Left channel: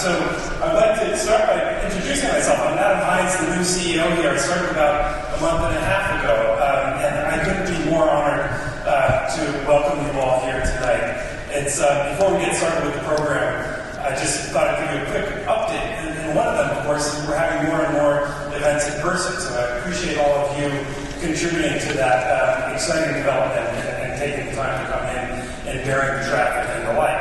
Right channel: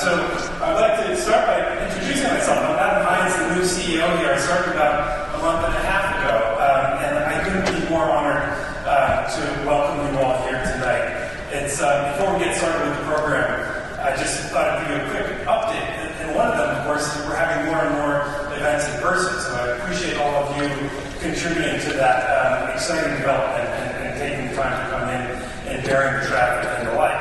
So I'd like to start by introducing myself. I'm Adam Hines, the new CEO here. I started about a month and a half ago, and I couldn't be more honored to welcome you all here tonight. It's before we get started with the program, I just thought I'd give you a quick update. And one of them, of course, is we're having more and more events in person. So I appreciate all of you contributing to that exciting development and taking the time to come in and bearing the traffic and the like.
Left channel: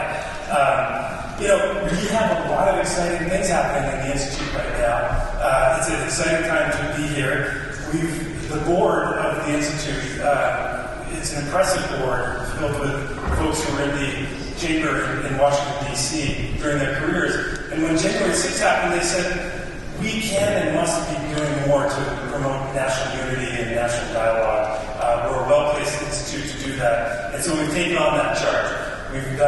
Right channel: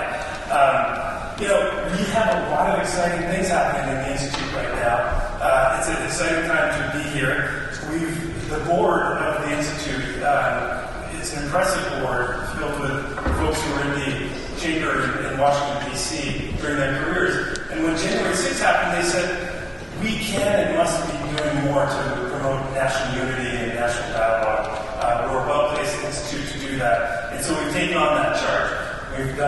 We have a lot of exciting things happening in the Institute right now. It's an exciting time to be here. The board of the Institute, it's an impressive board filled with folks who were in the chamber in Washington, D.C. during their careers. And when January 6th happened, they said, we can and must be doing more to promote national unity and national dialogue. We're a well-placed institute to do that. And so we've taken on that charge. We've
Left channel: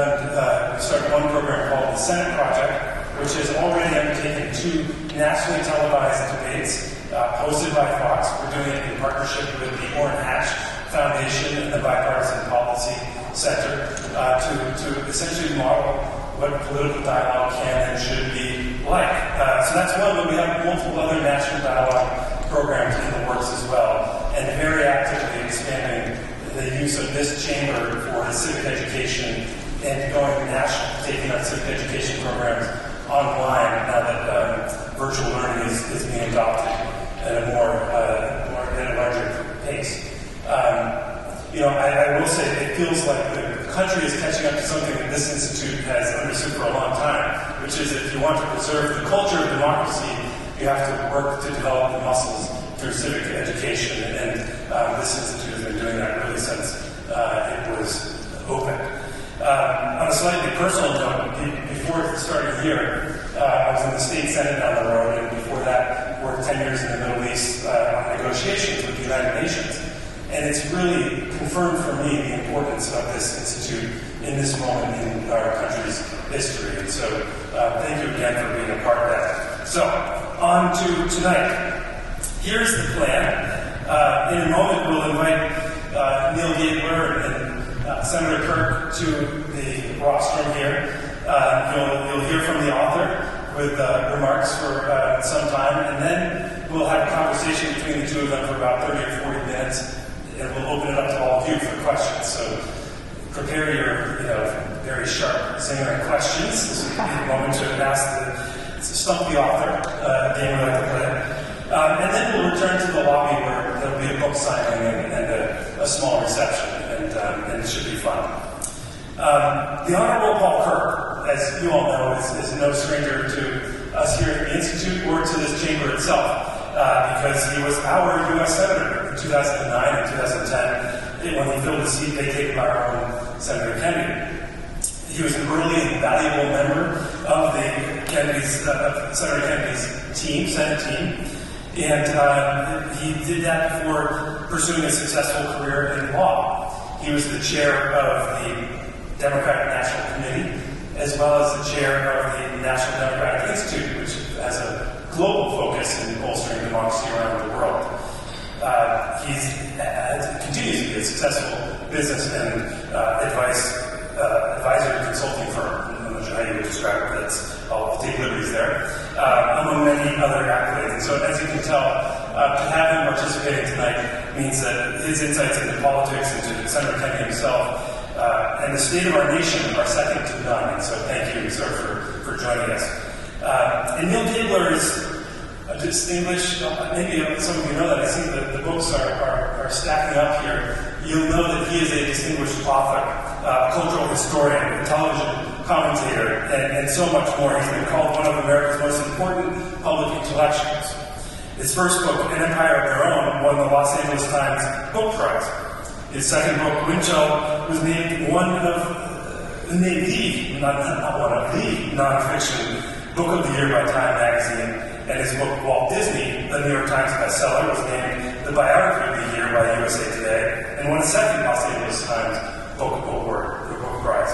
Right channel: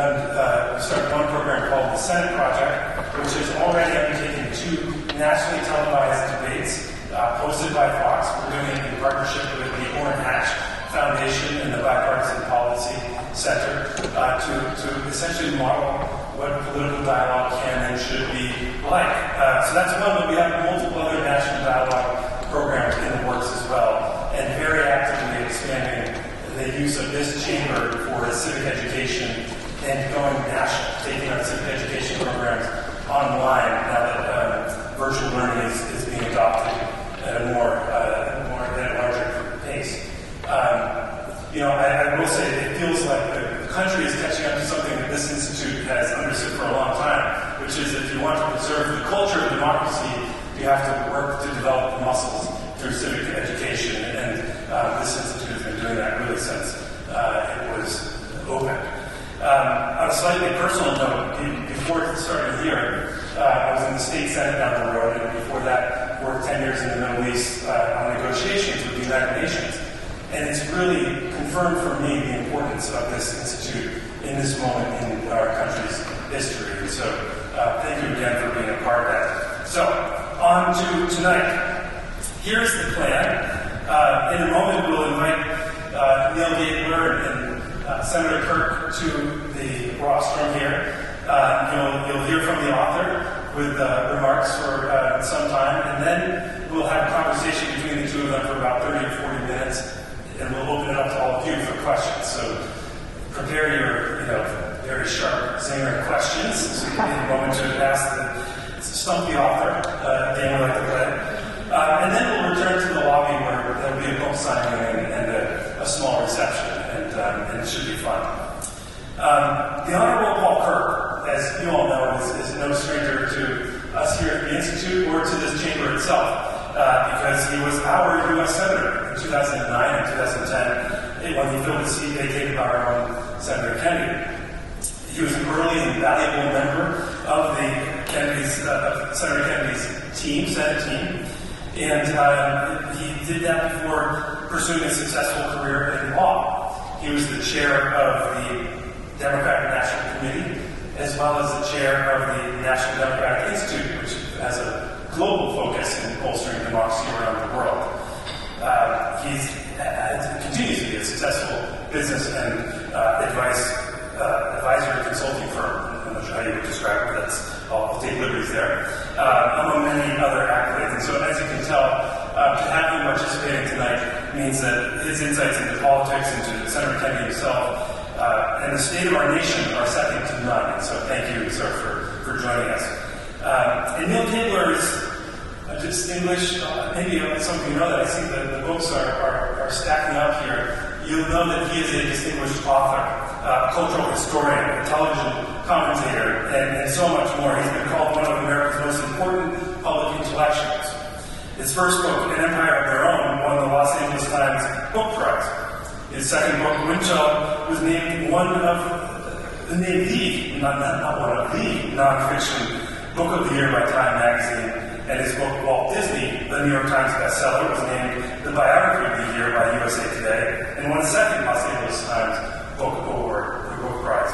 started one program called the Senate Project, which has already undertaken 2 nationally televised debates hosted by Fox. We're doing it in partnership with the Orrin Hatch Foundation and the Bipartisan Policy Center to essentially model what political dialogue can and should be like. So that's one, but we have multiple other national dialogue programs in the works as well, and very actively expanding the use of this chamber for civic education and going national, taking on civic education programs online now that virtual learning is being adopted at a larger pace. I will say it feels like the country is catching up to something that this institute has understood for a long time, which is if you want to preserve the culture of democracy, you have to work to develop the muscles through civic education, and this institute has been doing that really since it was opened. On a slightly personal note, before starting here, I was in the state senate down the road, and before that, worked 10 years in the Middle East on negotiations with the United Nations. And it's really confirmed for me the importance of this institute in this moment in our country's history. And so thank you again for being a part of that. So, on to tonight. Here's the plan. In a moment, we'll invite Neal Gabler and Senator Kirk to the rostrum here. You'll hear from the author with remarks for some time, and then we'll have a conversation between the two of them for about 30 or 40 minutes, and we'll open it up to all of you for questions. So prepare your very sharp zinger questions. This will be a moment to ask the stump the author, game we like to play. And then we'll return to the lobby where there'll be a book signing and a small reception, and it should be fun. The Honorable Paul Kirk, as you all know, is no stranger to us here at the Institute or to this chamber itself, because he was our U.S. Senator in 2009 and 2010 when he filled the seat vacated by our own Senator Kennedy. He was an early and valuable member of Senator Kennedy's Senate team, and he did that before pursuing a successful career in law. He was the chair of the Democratic National Committee, as well as the chair of the National Democratic Institute, which has a global focus in bolstering democracy around the world. He continues to be a successful business and advisor and consulting firm. I'm not sure how you would describe it. I'll take liberties there. Among many other accolades. And so, as you can tell, to have him participating tonight means that his insights into politics and to Senator Kennedy himself and the state of our nation are second to none. And so, thank you, sir, for joining us. And Neal Gabler is a distinguished, maybe some of you know that, I see that the books are stacking up here. You'll know that he is a distinguished author, cultural historian, a television commentator, and so much more. He's been called one of America's most important public intellectuals. His first book, An Empire of Their Own, won the Los Angeles Times Book Prize. His second book, Windchill, was named the nonfiction book of the year by Time magazine. And his book, Walt Disney, the New York Times bestseller, was named the biography of the year by USA Today, and won a second Los Angeles Times Book Award, the Book Prize.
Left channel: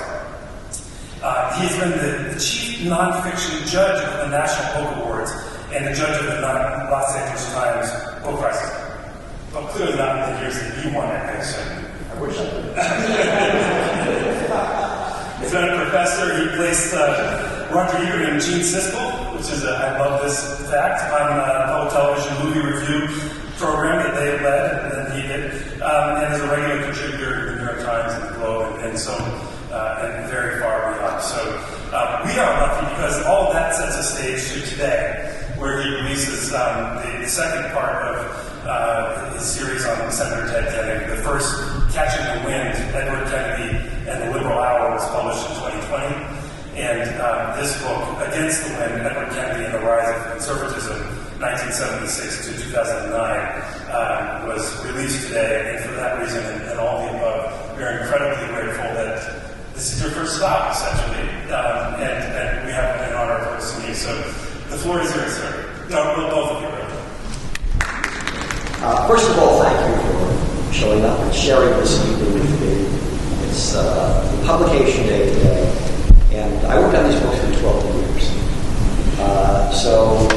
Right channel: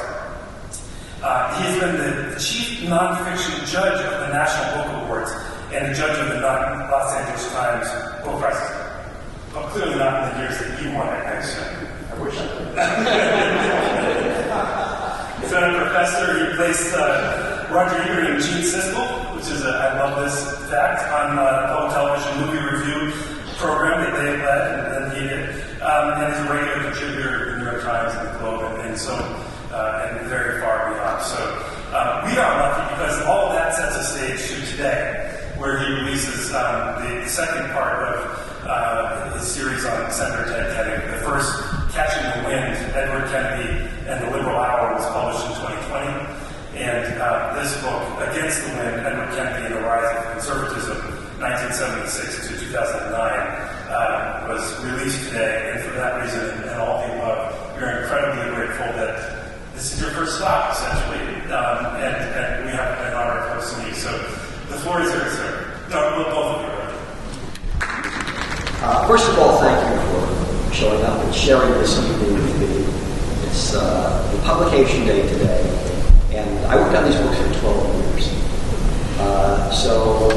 He has been the chief nonfiction judge of the National Book Awards and the judge of the Los Angeles Times Book Prizes. Well, clearly not in the years that you won it, I assume. I wish I could. He's been a professor. He placed Roger Ebert and Gene Siskel, which is, I love this fact, on public television movie review program that they led and he did. And is a regular contributor to the New York Times and the Globe, and so, and very far beyond. So we are lucky because all of that sets a stage to today, where he releases the second part of his series on Senator Ted Kennedy. The first, Catching the Wind, Edward Kennedy and the Liberal Hour, was published in 2020. And this book, Against the Wind, Edward Kennedy and the Rise of Conservatism, 1976 to 2009, was released today. And for that reason, and all the above, we are incredibly grateful that this is your first stop, essentially. And we have an honor of hosting you. So the floor is yours, sir. No, both of you, right? First of all, thank you for showing up and sharing this evening with me. It's the publication day today, and I worked on these books for 12 years. So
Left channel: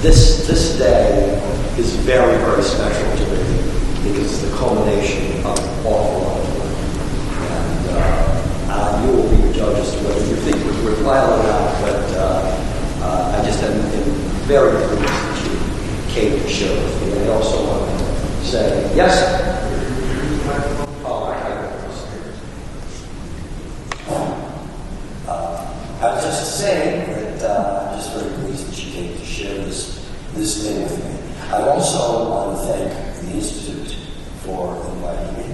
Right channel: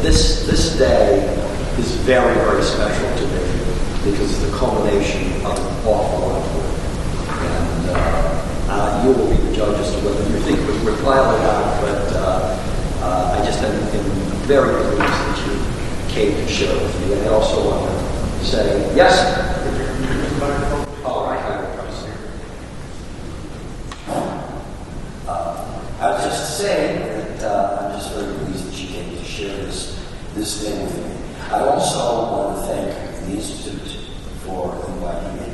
this day is very, very special to me because it's the culmination of an awful lot of work. And you will be the judge as to whether you think it was worthwhile or not, but I just am very pleased that you came to share with me. And I also want to say, yes? All right. I was just saying that I'm just very pleased that you came to share this day with me. I also want to thank the Institute for inviting me.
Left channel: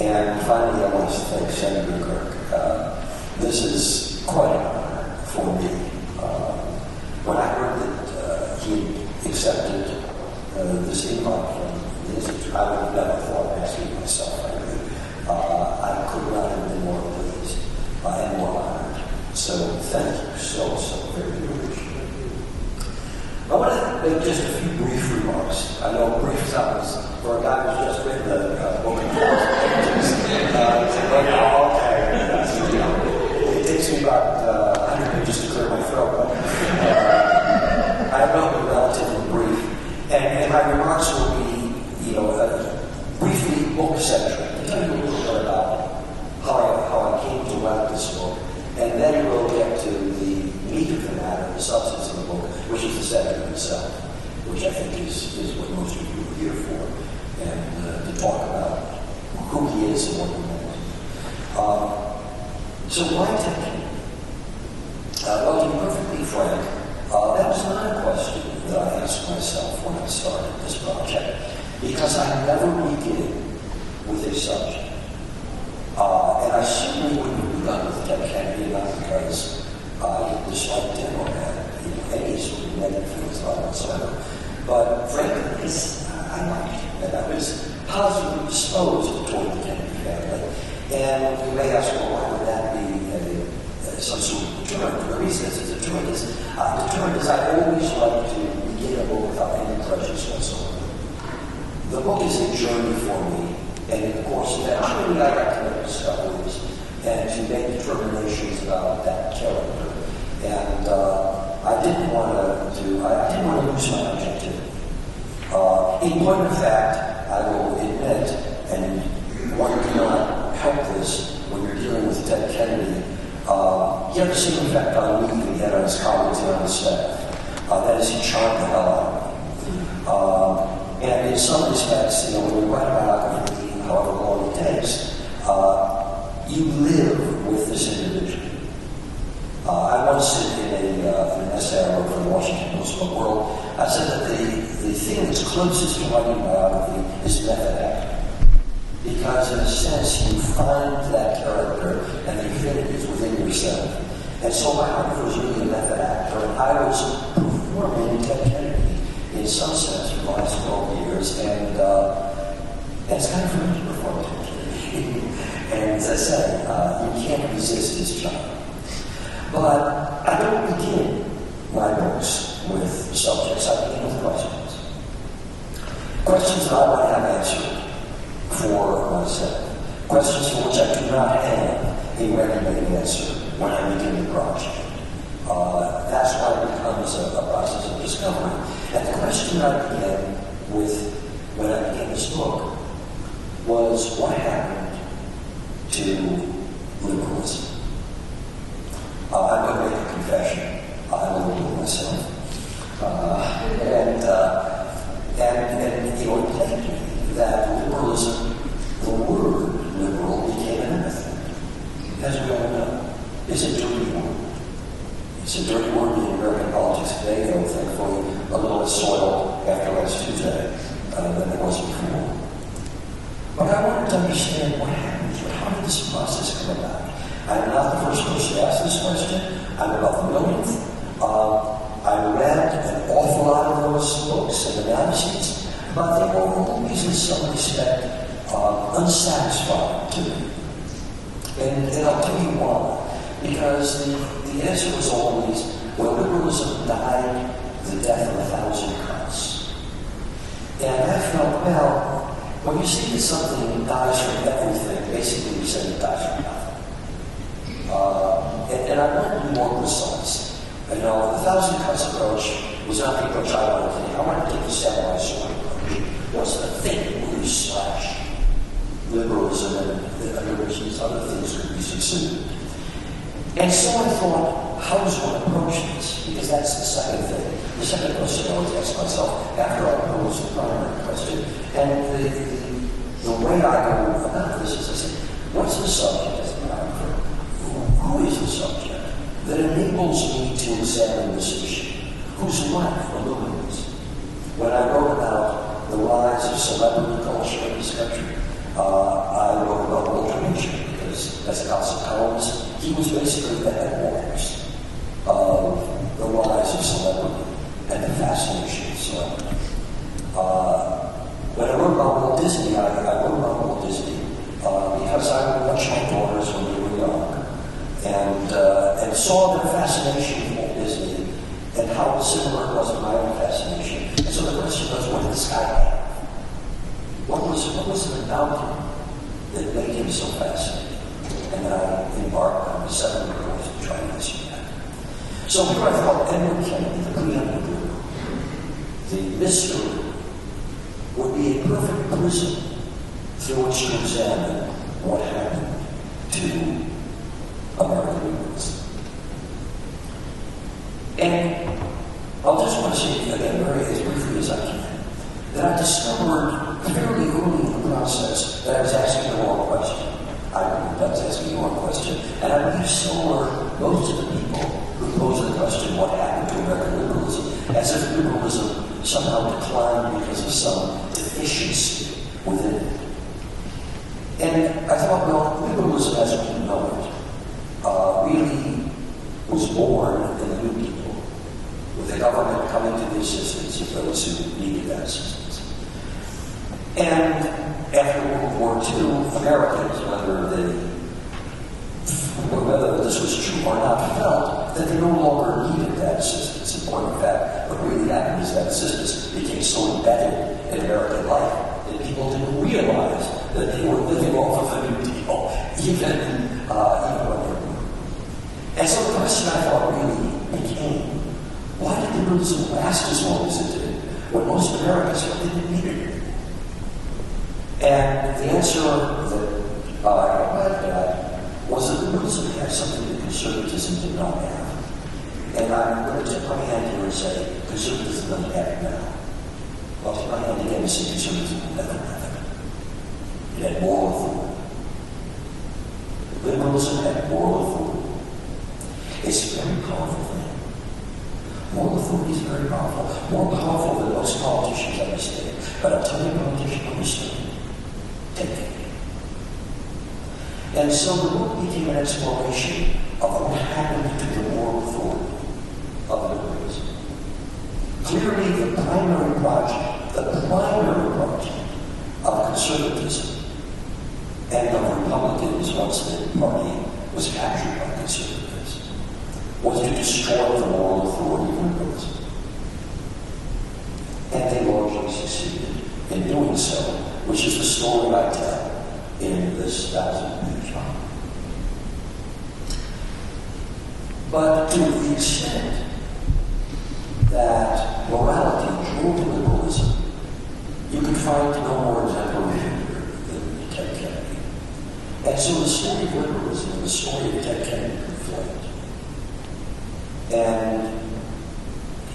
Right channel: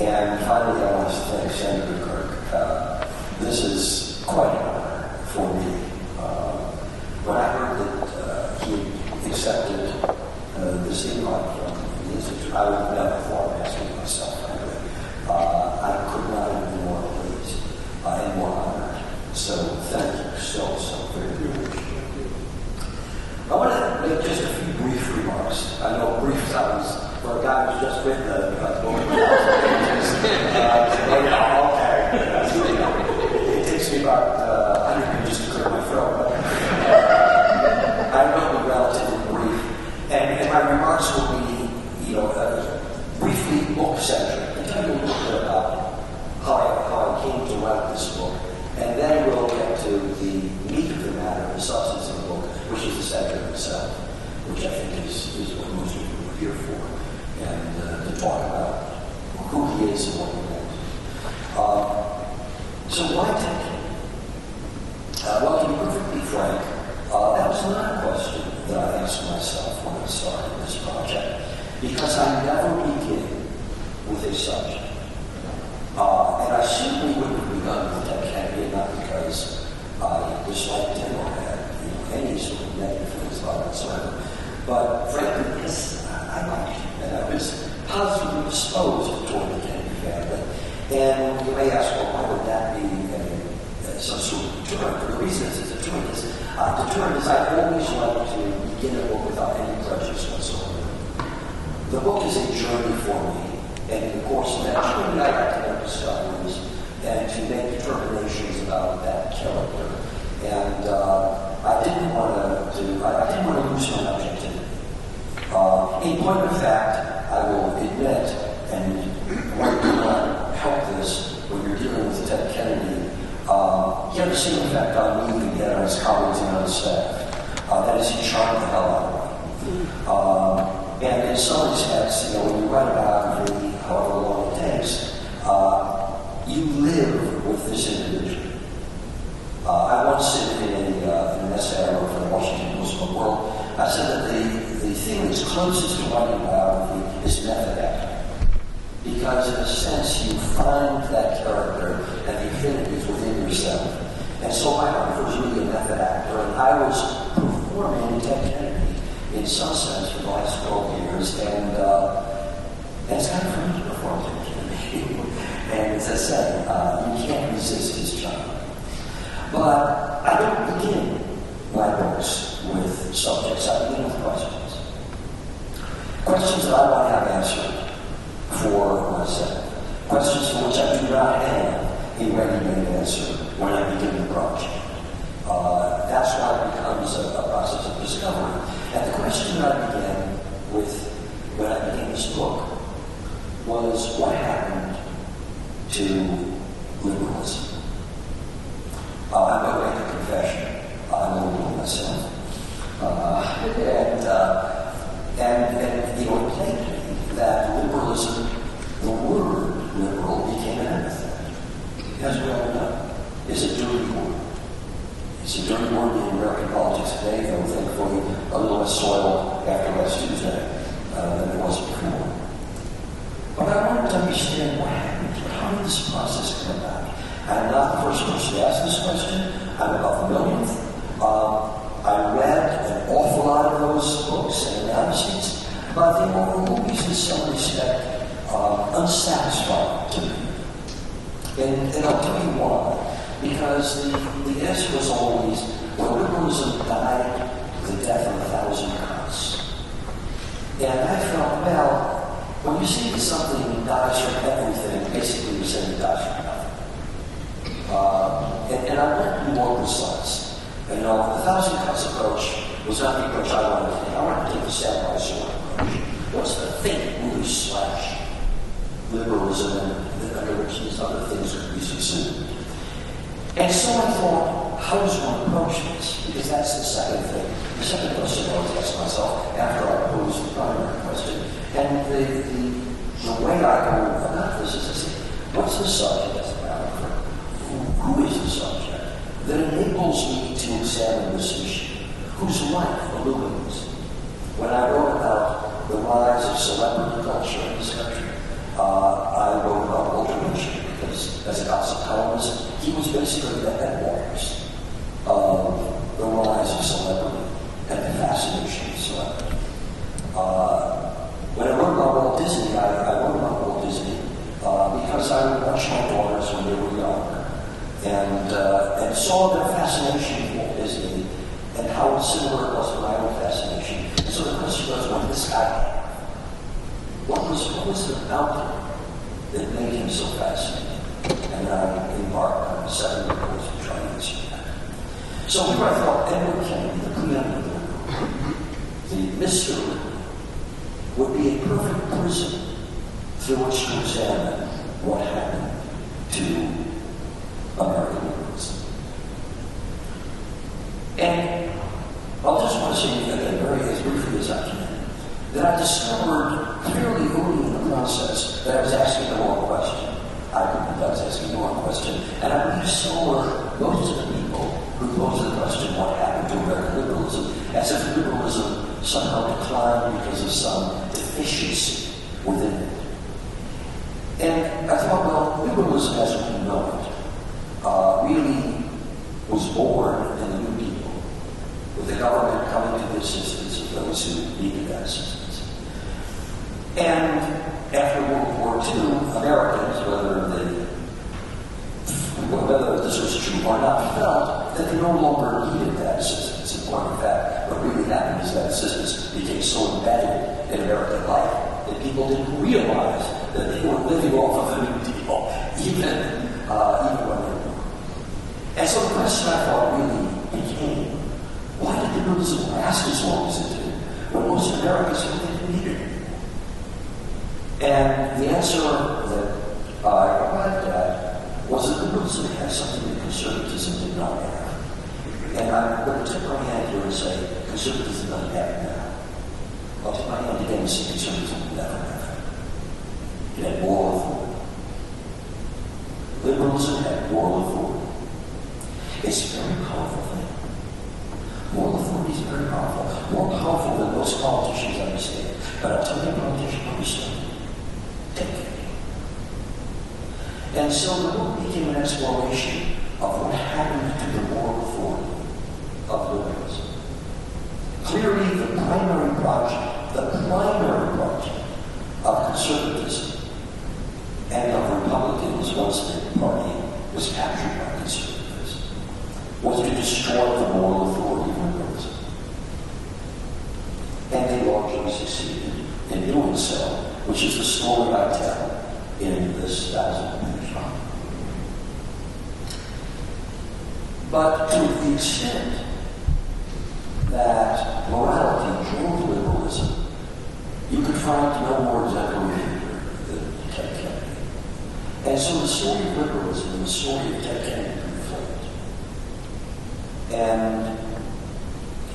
And finally, I want to thank Senator Kirk. This is quite an honor for me. When I heard that he accepted this invite from the Institute, I would have never thought of asking myself. I could not have been more pleased and more honored. So thank you so very much. I want to make just a few brief remarks. I know brief sounds for a guy who's just written a book. It takes me about 100 pages to clear my throat, but I will be relatively brief. And my remarks will be, briefly book-centric. I'll tell you a little bit about how I came to write this book. And then we'll get to the meat of the matter, the substance of the book, which is the subject itself, which I think is what most people are here for, and to talk about who he is and what he meant. So why Ted Kennedy? Well, to be perfectly frank, that was not a question that I asked myself when I started this project, because I never begin with a subject. And I certainly wouldn't have begun with Ted Kennedy, not because I disliked him or had any sort of negative feelings about him whatsoever, but frankly because I liked him and I was positively disposed toward the Kennedy family. And you may ask, well, why would that be some sort of deterrent? The reason it's a deterrent is I always like to begin a book without any prejudice whatsoever. The book is a journey for me. And in the course of that journey, I like to make discoveries and to make determinations about that character. And I didn't want to lose my objectivity. In point of fact, I will admit, and one cannot help this when you're dealing with Ted Kennedy, he had the same effect on me than he had on his colleagues and on his staff. That is, he charmed the hell out of me. And in some respects, when you write about him, however long it takes, you live with this individual. I once said in an essay I wrote for the Washington Post World, I said that the thing that's closest to writing a biography is method acting. Because in a sense, you find that character and the affinities within yourself. And so my biographer was really a method actor, and I was performing Ted Kennedy in some sense for the last 12 years, and it's kind of fun to perform Ted Kennedy. And as I said, you can't resist his charm. But I don't begin my books with subjects, I begin with questions. Questions that I want to have answered for myself. Questions for which I do not have a ready-made answer when I begin the project. That's why it becomes a process of discovery. And the question I began with when I began this book was what happened to liberalism? I'm going to make a confession. I'm a little myself. And you know, it plagued me that liberalism, the word liberal, became an anathema. As we all know, it's a dirty word. It's a dirty word in American politics today, though thankfully a little less soil after last Tuesday than it was before. But I wanted to understand what happened here. How did this process come about? I'm not the first person to ask this question. I'm about the millionth. I read an awful lot of those books and analyses, but they were always in some respect unsatisfying to me. And I'll tell you why. Because the answer was always, well, liberalism died the death of 1,000 cuts. And I felt, well, when you say that something dies from everything, basically you're saying it dies from nothing. And I want to be more precise. You know, the 1,000 cuts approach was not the approach I wanted to take. I wanted to take the stepwise sort of approach. What's the thing that really slash liberalism and under which these other things could be subsumed? And so I thought, how does one approach this? Because that's the second thing. The second question I always ask myself after I pose the primary question. And the way I go about this is I say, what's the subject as a matter of fact? Who is the subject that enables me to examine this issue? Whose life illuminates? When I wrote about the rise of celebrity culture in this country, I wrote about Walter Mitchell because, as gossip columnist, he was basically the headwaters of the rise of celebrity and the fascination of celebrity. When I wrote about Walt Disney, I wrote about Walt Disney because I would watch my daughters when they were young and saw their fascination with Walt Disney and how similar it was to my own fascination. And so the question was, what did this guy have? What was it about him that made him so fascinating? And then I embarked on a 7-year course to try to answer that. So here I thought Edward Kennedy, the preeminent liberal, the mystery, would be a perfect prism through which to examine what happened to American liberalism. And I'll just want to say again, very as briefly as I can, that I discovered fairly early in the process that I was asking the wrong question. I was asking the wrong question. And I believe so were most of the people who posed the question, what happened to American liberalism, as if liberalism somehow declined because of some deficiency within it. And I thought, well, liberalism as we know it really was born in the New Deal, with the government coming to the assistance of those who needed that assistance. And after World War II, Americans, whether this was true or not, felt that they no longer needed that assistance. In point of fact, what really happened is that assistance became so embedded in American life that people didn't realize that they were living off of the New Deal, even when they were. And so the question I thought really became, why did liberalism last as long as it did, when most Americans didn't need it? And the answer that I arrived at was that liberalism had something that conservatism did not have. And I'm going to tip my hand here and say, conservatism doesn't have it now. I'll tip my hand again and say conservatism will never have it. It had moral authority. Liberalism had moral authority. It's a very powerful thing. Moral authority is very powerful. More powerful than most politicians understand. But I'll tell you a politician understand. Take it. And so the book became an exploration of what happened to the moral authority of liberalism. Clearly, the primary project of conservatism and of Republicans, once the party was captured by conservatives, was to destroy the moral authority of liberalism. And they largely succeeded in doing so, which is the story I tell in this 1,000-page book. But to the extent that morality drove liberalism, you could find no more exemplary figure than Ted Kennedy. And so the story of liberalism and the story of Ted Kennedy conflict. And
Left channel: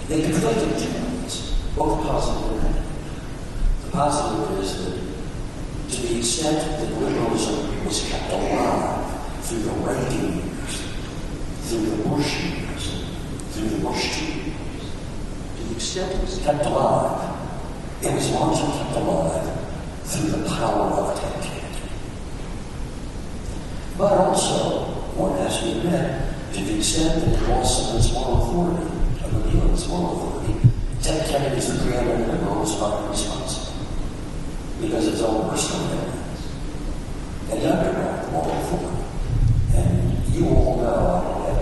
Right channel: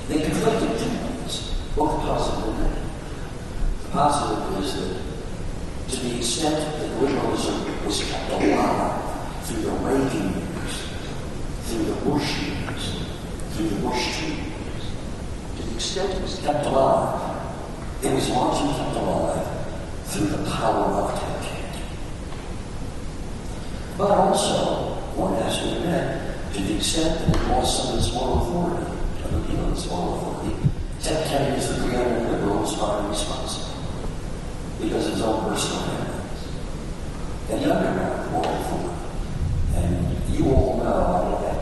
they conflicted two things, both positive and negative. The positive is that to the extent that liberalism was kept alive through the Reagan years, through the Bush years, through the Bush 2 years, to the extent it was kept alive, it was largely kept alive through the power of Ted Kennedy. But also, one has to admit, to the extent that it lost some of its moral authority, its moral authority, Ted Kennedy is the preeminent liberal who is partly responsible because of his own personal evidence. And he undermined moral authority. And you all know, I don't have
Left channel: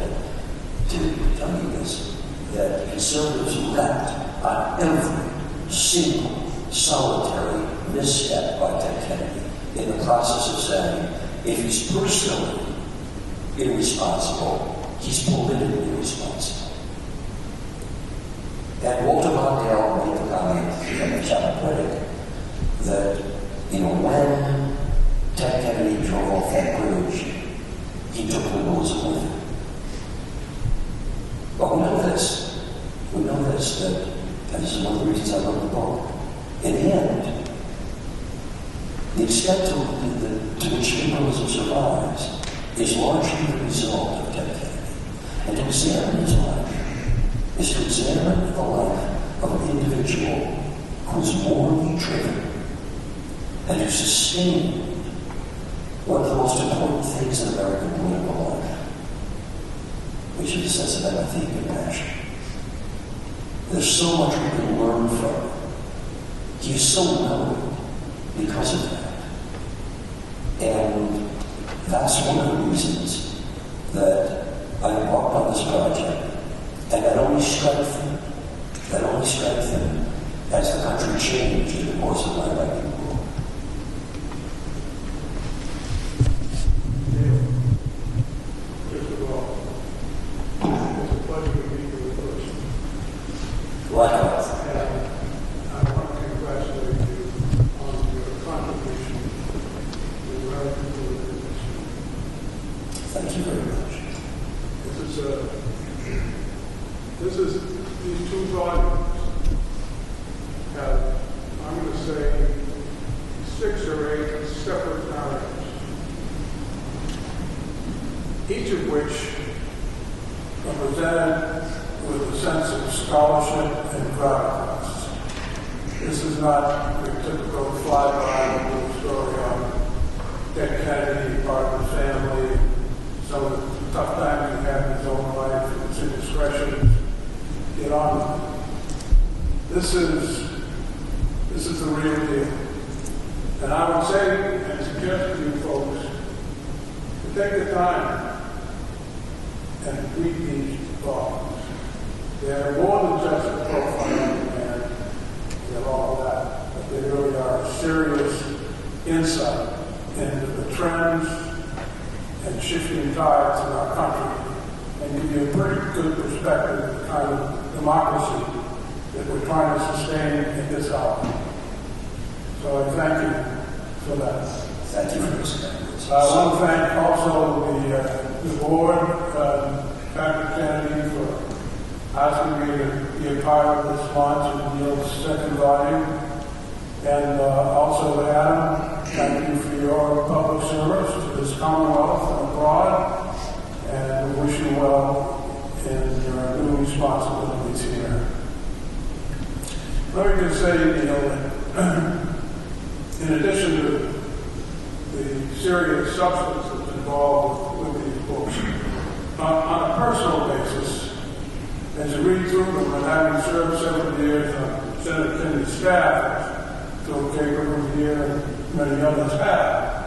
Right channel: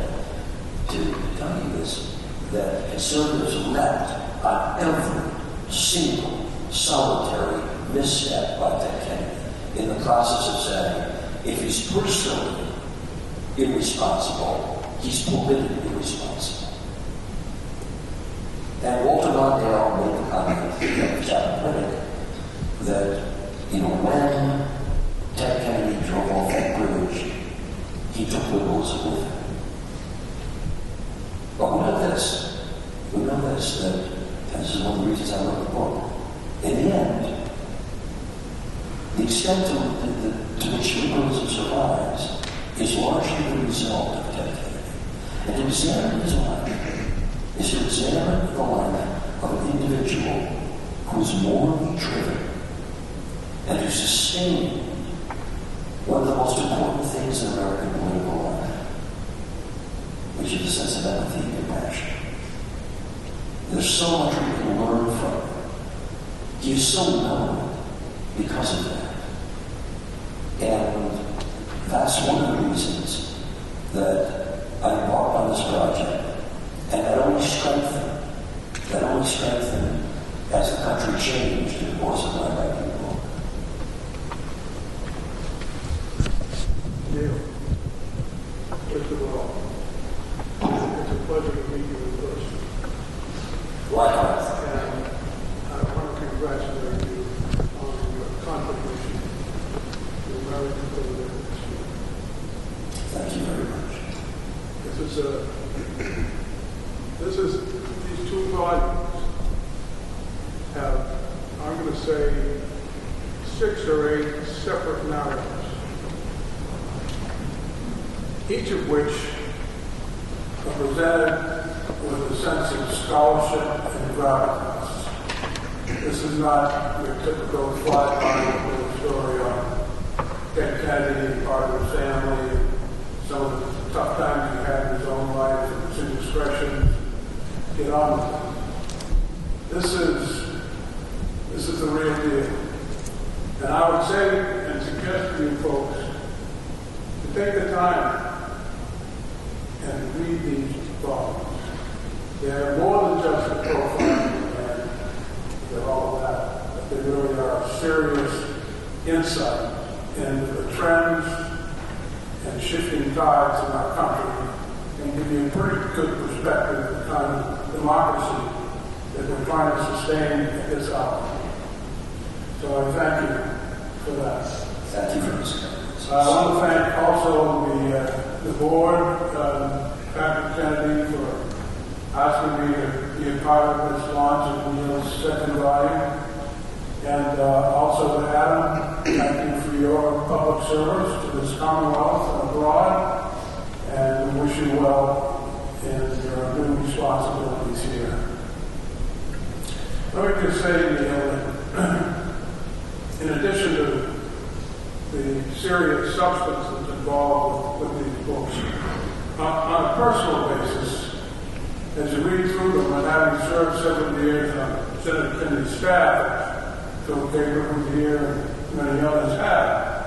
to tell you this, that conservatives wrecked on every single solitary misstep by Ted Kennedy in the process of saying, if he's personally irresponsible, he's politically irresponsible. And Walter Mondale made the comment, the Captain critic, that, when Ted Kennedy drove off that bridge, he took liberalism with him. But we know this, that, and this is one of the reasons I wrote the book, in the end, the extent to which liberalism survives is largely the result of Ted Kennedy. And to examine his life is to examine the life of an individual who is morally driven and who sustained one of the most important things in American political life, which is the sense of empathy and compassion. There's so much we can learn from him. He is so known because of that. And that's one of the reasons that I embarked on this project. And that only strengthened as the country changed in the course of my writing book. Neal, first of all, it's a pleasure to meet you in person. Likewise. And I want to congratulate you on your contribution to American political history. Thank you very much. These two volumes have, I'm going to say, 6 or 8 separate narratives, each of which are presented with a sense of scholarship and progress. This is not your typical fly-by story on Ted Kennedy, part of his family, some of the tough times he had in his own life, his indiscretion. Get on with it. This is the real deal. And I would say and suggest to you folks to take the time and read these volumes. They're more than just a profiling and all of that, but they really are a serious insight into the trends and shifting tides in our country and give you a pretty good perspective of the kind of democracy that we're trying to sustain at this hour. So I thank you for that. Thank you for this. I want to thank also the board, Patrick Kennedy, for asking me to be a part of this launch of Neal's second volume. And also Adam, thank you for your public service to this Commonwealth and abroad. And we wish you well in your new responsibilities here. Let me just say, that in addition to the serious substance that's involved with these books, on a personal basis, as you read through them and having served several years on Senator Kennedy's staff, Phil Gabriel was here and many others have,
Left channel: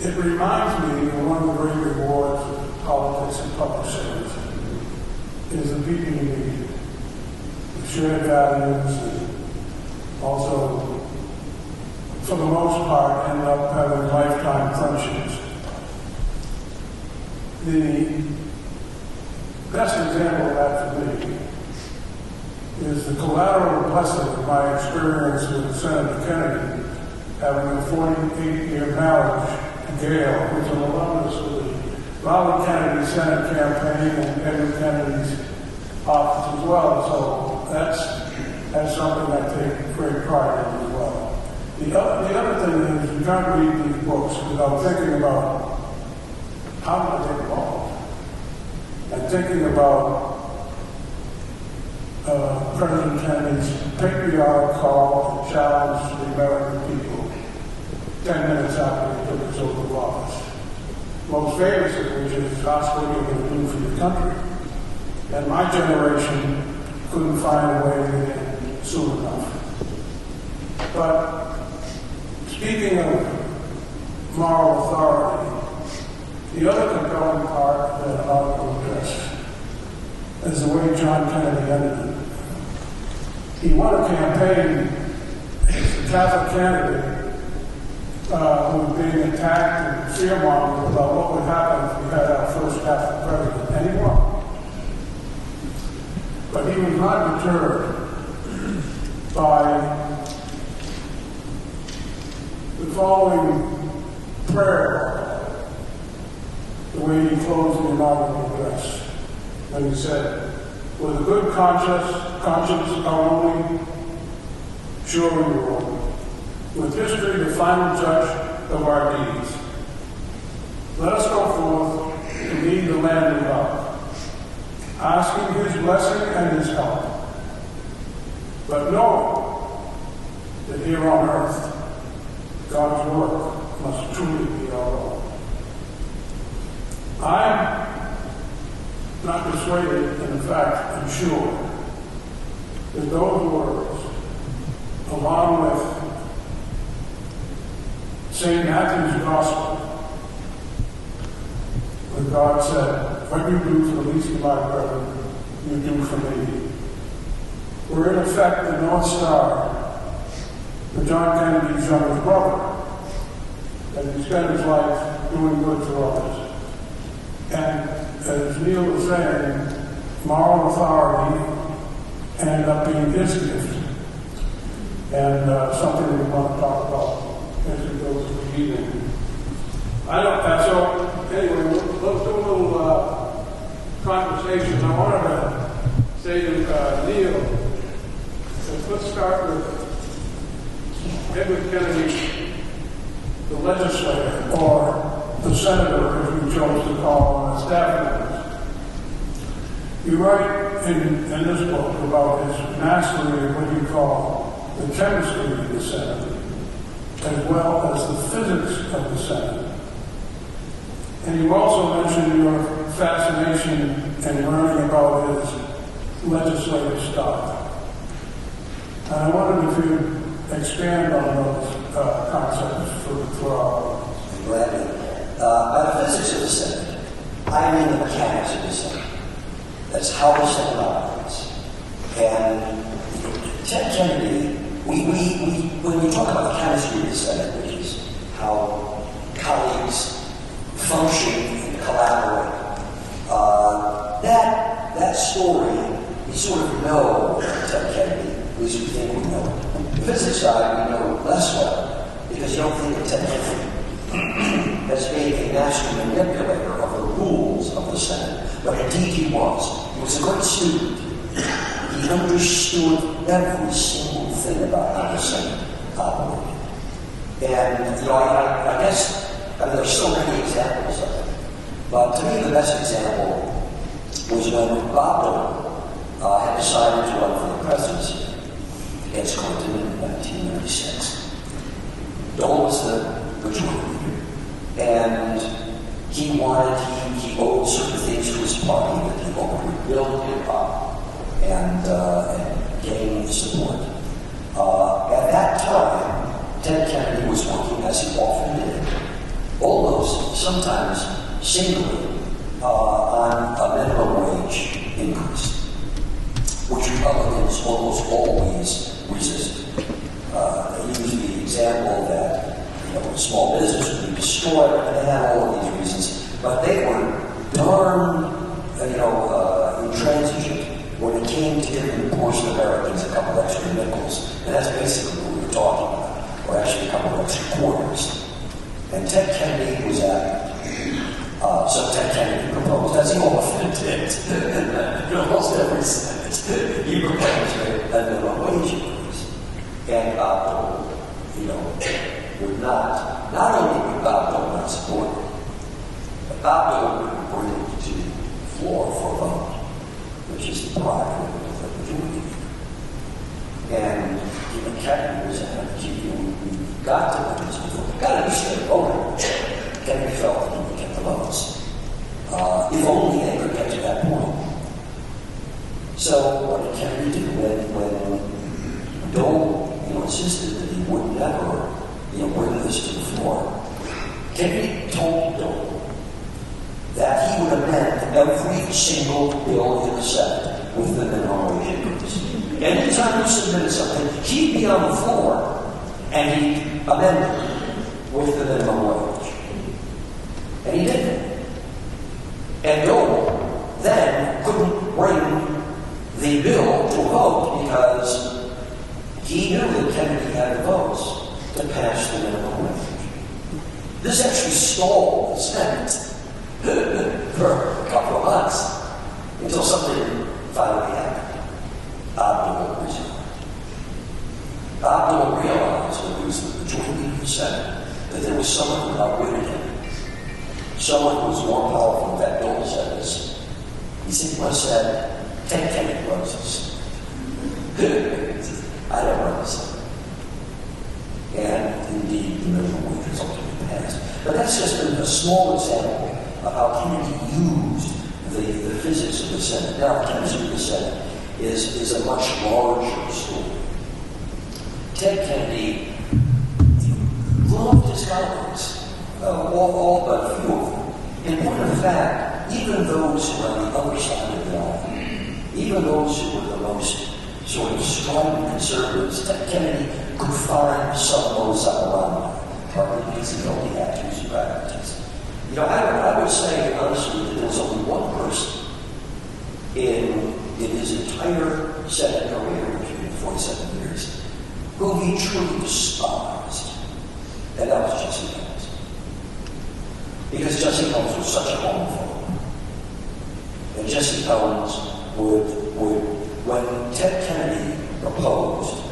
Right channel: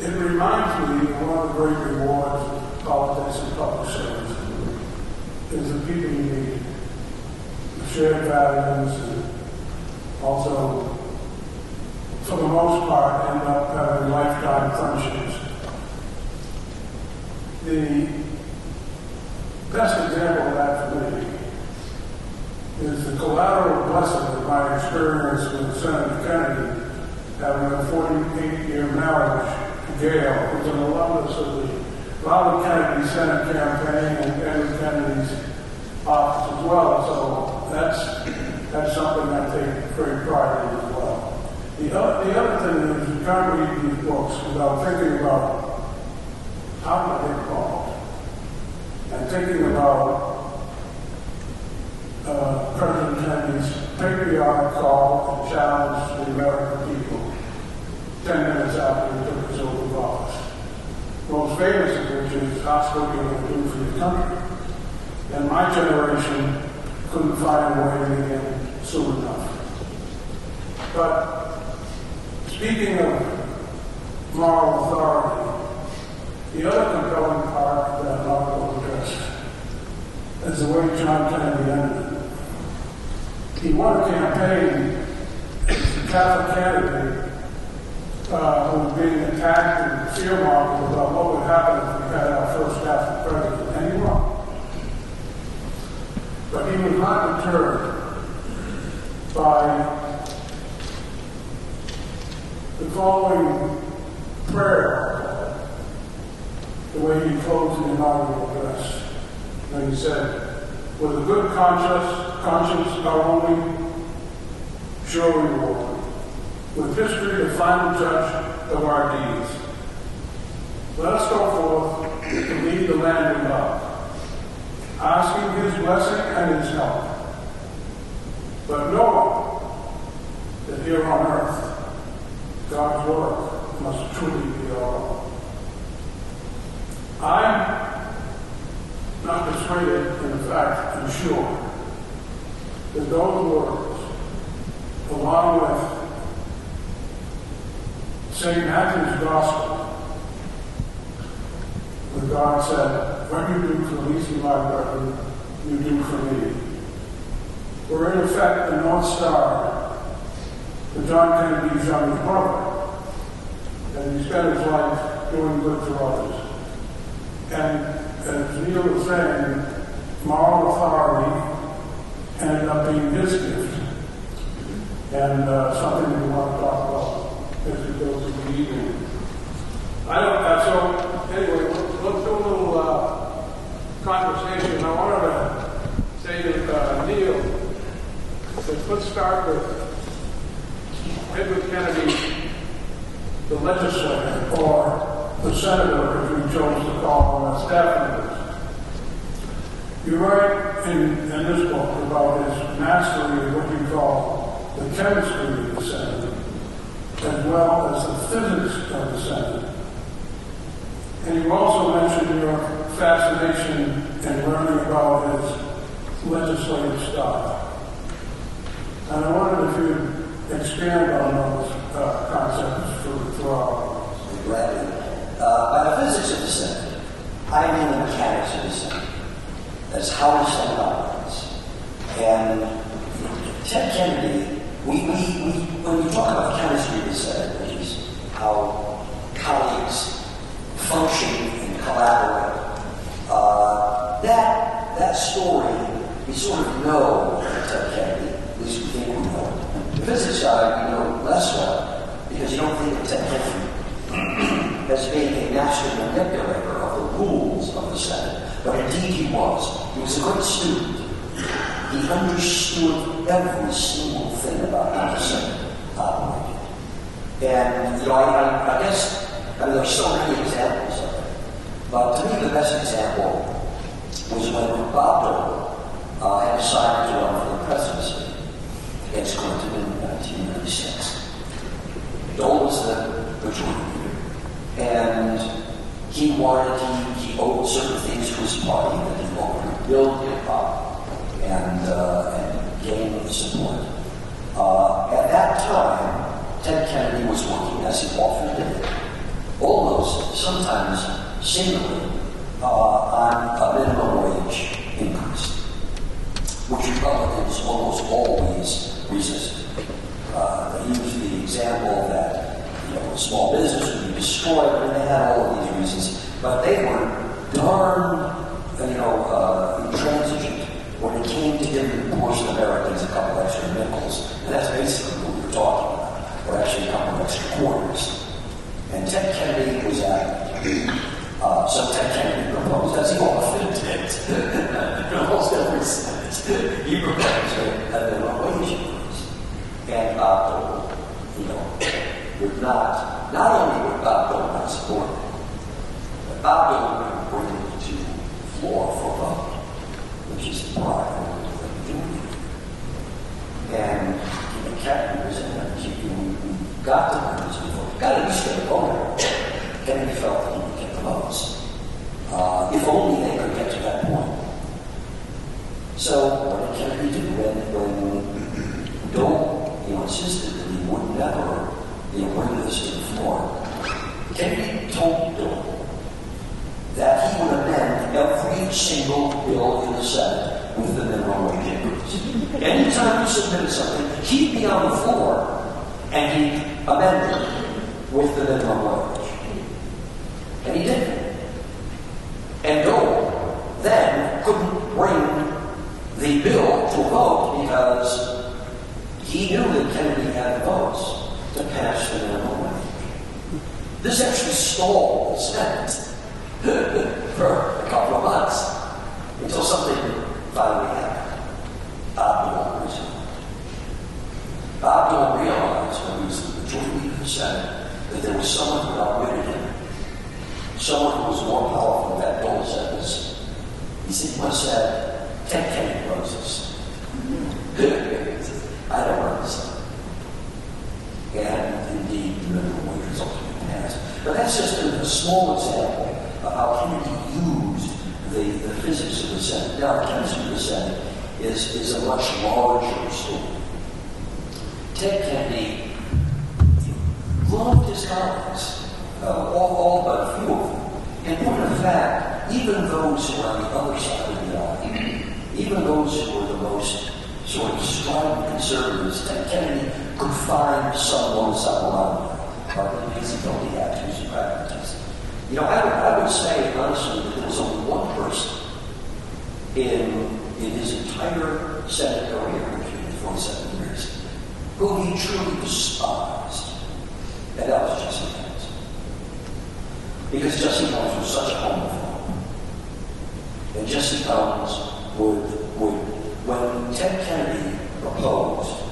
it reminds me of one of the great rewards of politics and public service is the people you meet, the shared values, and also, for the most part, end up having lifetime friendships. The best example of that for me is the collateral blessing of my experience with Senator Kennedy, having a 48-year marriage to Gail, who's an alumnus of the Robert Kennedy's Senate campaign and Edward Kennedy's office as well. So that's something I take great pride in as well. The other thing is you can't read these books without thinking about how do I get involved, and thinking about President Kennedy's patriotic call to challenge the American people 10 minutes after he took his oath of office. Most famous of which is, ask what you're going to do for your country. And my generation couldn't find a way to get in soon enough. But speaking of moral authority, the other compelling part of that article addressed is the way John Kennedy ended it. He won a campaign as a Catholic candidate who was being attacked and fear-mongering about what would happen if we had our first Catholic president, and he won. But he was not deterred by the following prayer, the way he closed the inaugural address, when he said, "With a good conscience our only sure reward. With history the final judge of our deeds. Let us go forth to lead the land we love, asking his blessing and his help, but knowing that here on earth God's work must truly be our own." I'm not persuaded, in fact, I'm sure, that those words, along with St. Matthew's Gospel, where God said, "What you do for the least of my brethren, you do for me," were in effect the North Star for John Kennedy's youngest brother, and he spent his life doing good for others. And as Neal was saying, moral authority ended up being his gift, and something we want to talk about as we go through the evening. So anyway, let's do a little conversation. I wanted to say to Neal, let's start with Edward Kennedy, the legislator, or the senator, as we chose to call him, staff members. You write in this book about his mastery of what you call the chemistry of the Senate, as well as the physics of the Senate. And you also mentioned your fascination in learning about his legislative style. And I wondered if you'd expand on those concepts for our audience. Gladly. By the physics of the Senate, I mean the mechanics of the Senate. That's how the Senate operates. And Ted Kennedy, when we talk about the chemistry of the Senate, which is how colleagues function and collaborate, that story, we sort of know Ted Kennedy, at least we think we know. The physics side, we know less well, because you don't think of Ted Kennedy as being a master manipulator of the rules of the Senate, but indeed he was. He was a great student. He understood every single thing about how the Senate operated. And, I guess, there's so many examples of it. But to me, the best example was when Gabler had decided to run for the presidency against Clinton in 1996. Dole was the majority leader. And he owed certain things to his party that he hoped would build hip-hop and gain support. At that time, Ted Kennedy was working, as he often did, almost sometimes singly, on a minimum wage increase, which Republicans almost always resisted. He used the example that small business would be destroyed, and they had all of these reasons, but they were darn, intransigent when it came to giving poor Americans a couple extra nickels, and that's basically what we were talking about, or actually a couple of extra quarters. And Ted Kennedy was adamant So Ted Kennedy proposed, as he often did, in almost every Senate, he proposed a minimum wage increase. And Bob Dole, would not only would Bob Dole not support it, but Bob Dole would bring it to the floor for a vote, which is the prerogative of the majority. And Kennedy was we got to this before. Got to be straight voter. Kennedy felt that he would get the votes. If only they could get to that point. So what did Kennedy do when Dole insisted that he would never bring this to the floor? Kennedy told Dole that he would amend every single bill in the Senate with the minimum wage increase. Anytime he submitted something, he'd be on the floor and he'd amend it with the minimum wage. And he did it. And Dole then couldn't bring the bill to a vote because he knew that Kennedy had the votes to pass the minimum wage. This actually stalled the Senate for a couple of months until something finally happened. Bob Dole resigned. Bob Dole realized when he was the majority of the Senate that there was someone who outwitted him. Someone who was more powerful than that. Dole said this. He simply said, Ted Kennedy runs this. I don't run this. And indeed, the minimum wage was ultimately passed. But that's just a small example of how Kennedy used the physics of the Senate. Now, the chemistry of the Senate is a much larger story. Ted Kennedy loved his colleagues, all but a few of them. In point of fact, even those who were on the other side of the aisle, even those who were the most sort of strong conservatives, Ted Kennedy could find some of those up around him, partly because he only had two practices. I would say, honestly, that there was only one person in his entire Senate career, which he had 47 years, who he truly despised, and that was Jesse Helms. Because Jesse Helms was such a homophobe. And Jesse Helms would when Ted Kennedy proposed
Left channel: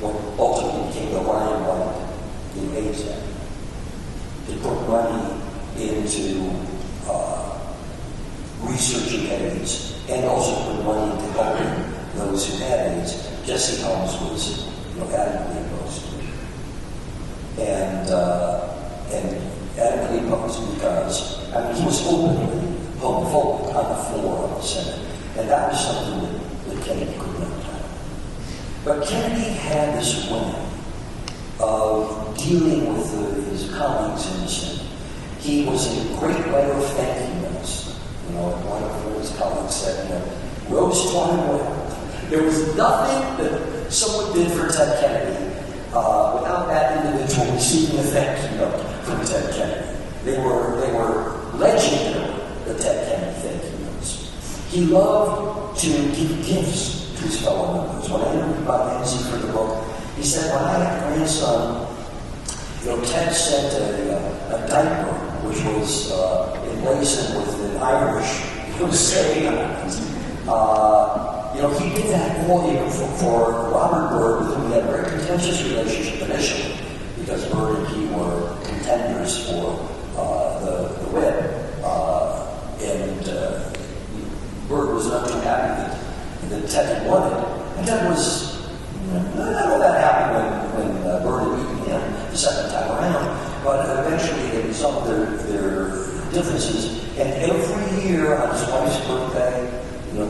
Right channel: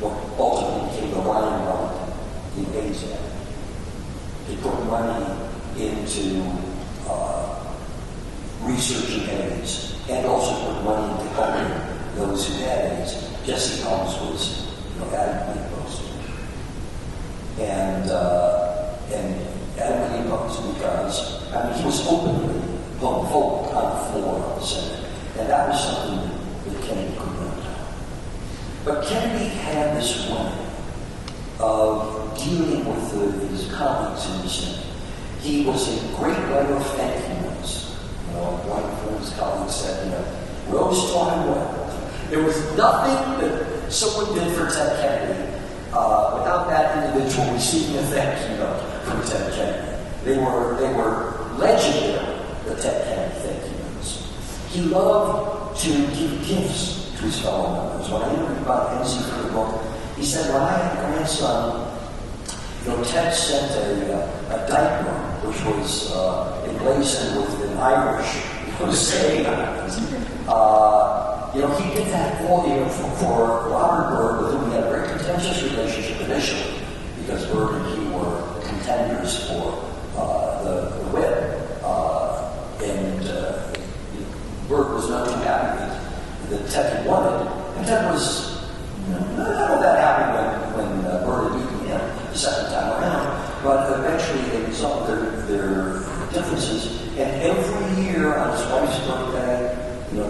what ultimately became the Ryan White in AIDS Act, he put money into researching AIDS and also put money into helping those who had AIDS. Jesse Helms was adamantly opposed to it. And adamantly opposed because he was openly homophobic on the floor of the Senate. And that was something that Kennedy could not do. But Kennedy had this way of dealing with his colleagues in the Senate. He was a great writer of thank you notes. One of his colleagues said, Rose taught him well. There was nothing that someone did for Ted Kennedy without that individual receiving a thank you note from Ted Kennedy. They were legendary, the Ted Kennedy thank you notes. He loved to give gifts to his fellow members. When I interviewed Bob Hensey for the book, he said, when I had a grandson, Ted sent a diaper which was emblazoned with an Irish saying on it. He did that all year for Robert Byrd, with whom he had a very contentious relationship initially, because Byrd and he were contenders for the whip. Byrd was not too happy that Ted had won it. And Ted was not that happy when Byrd had beaten him the second time around, but eventually they resolved their differences. And every year on his wife's birthday,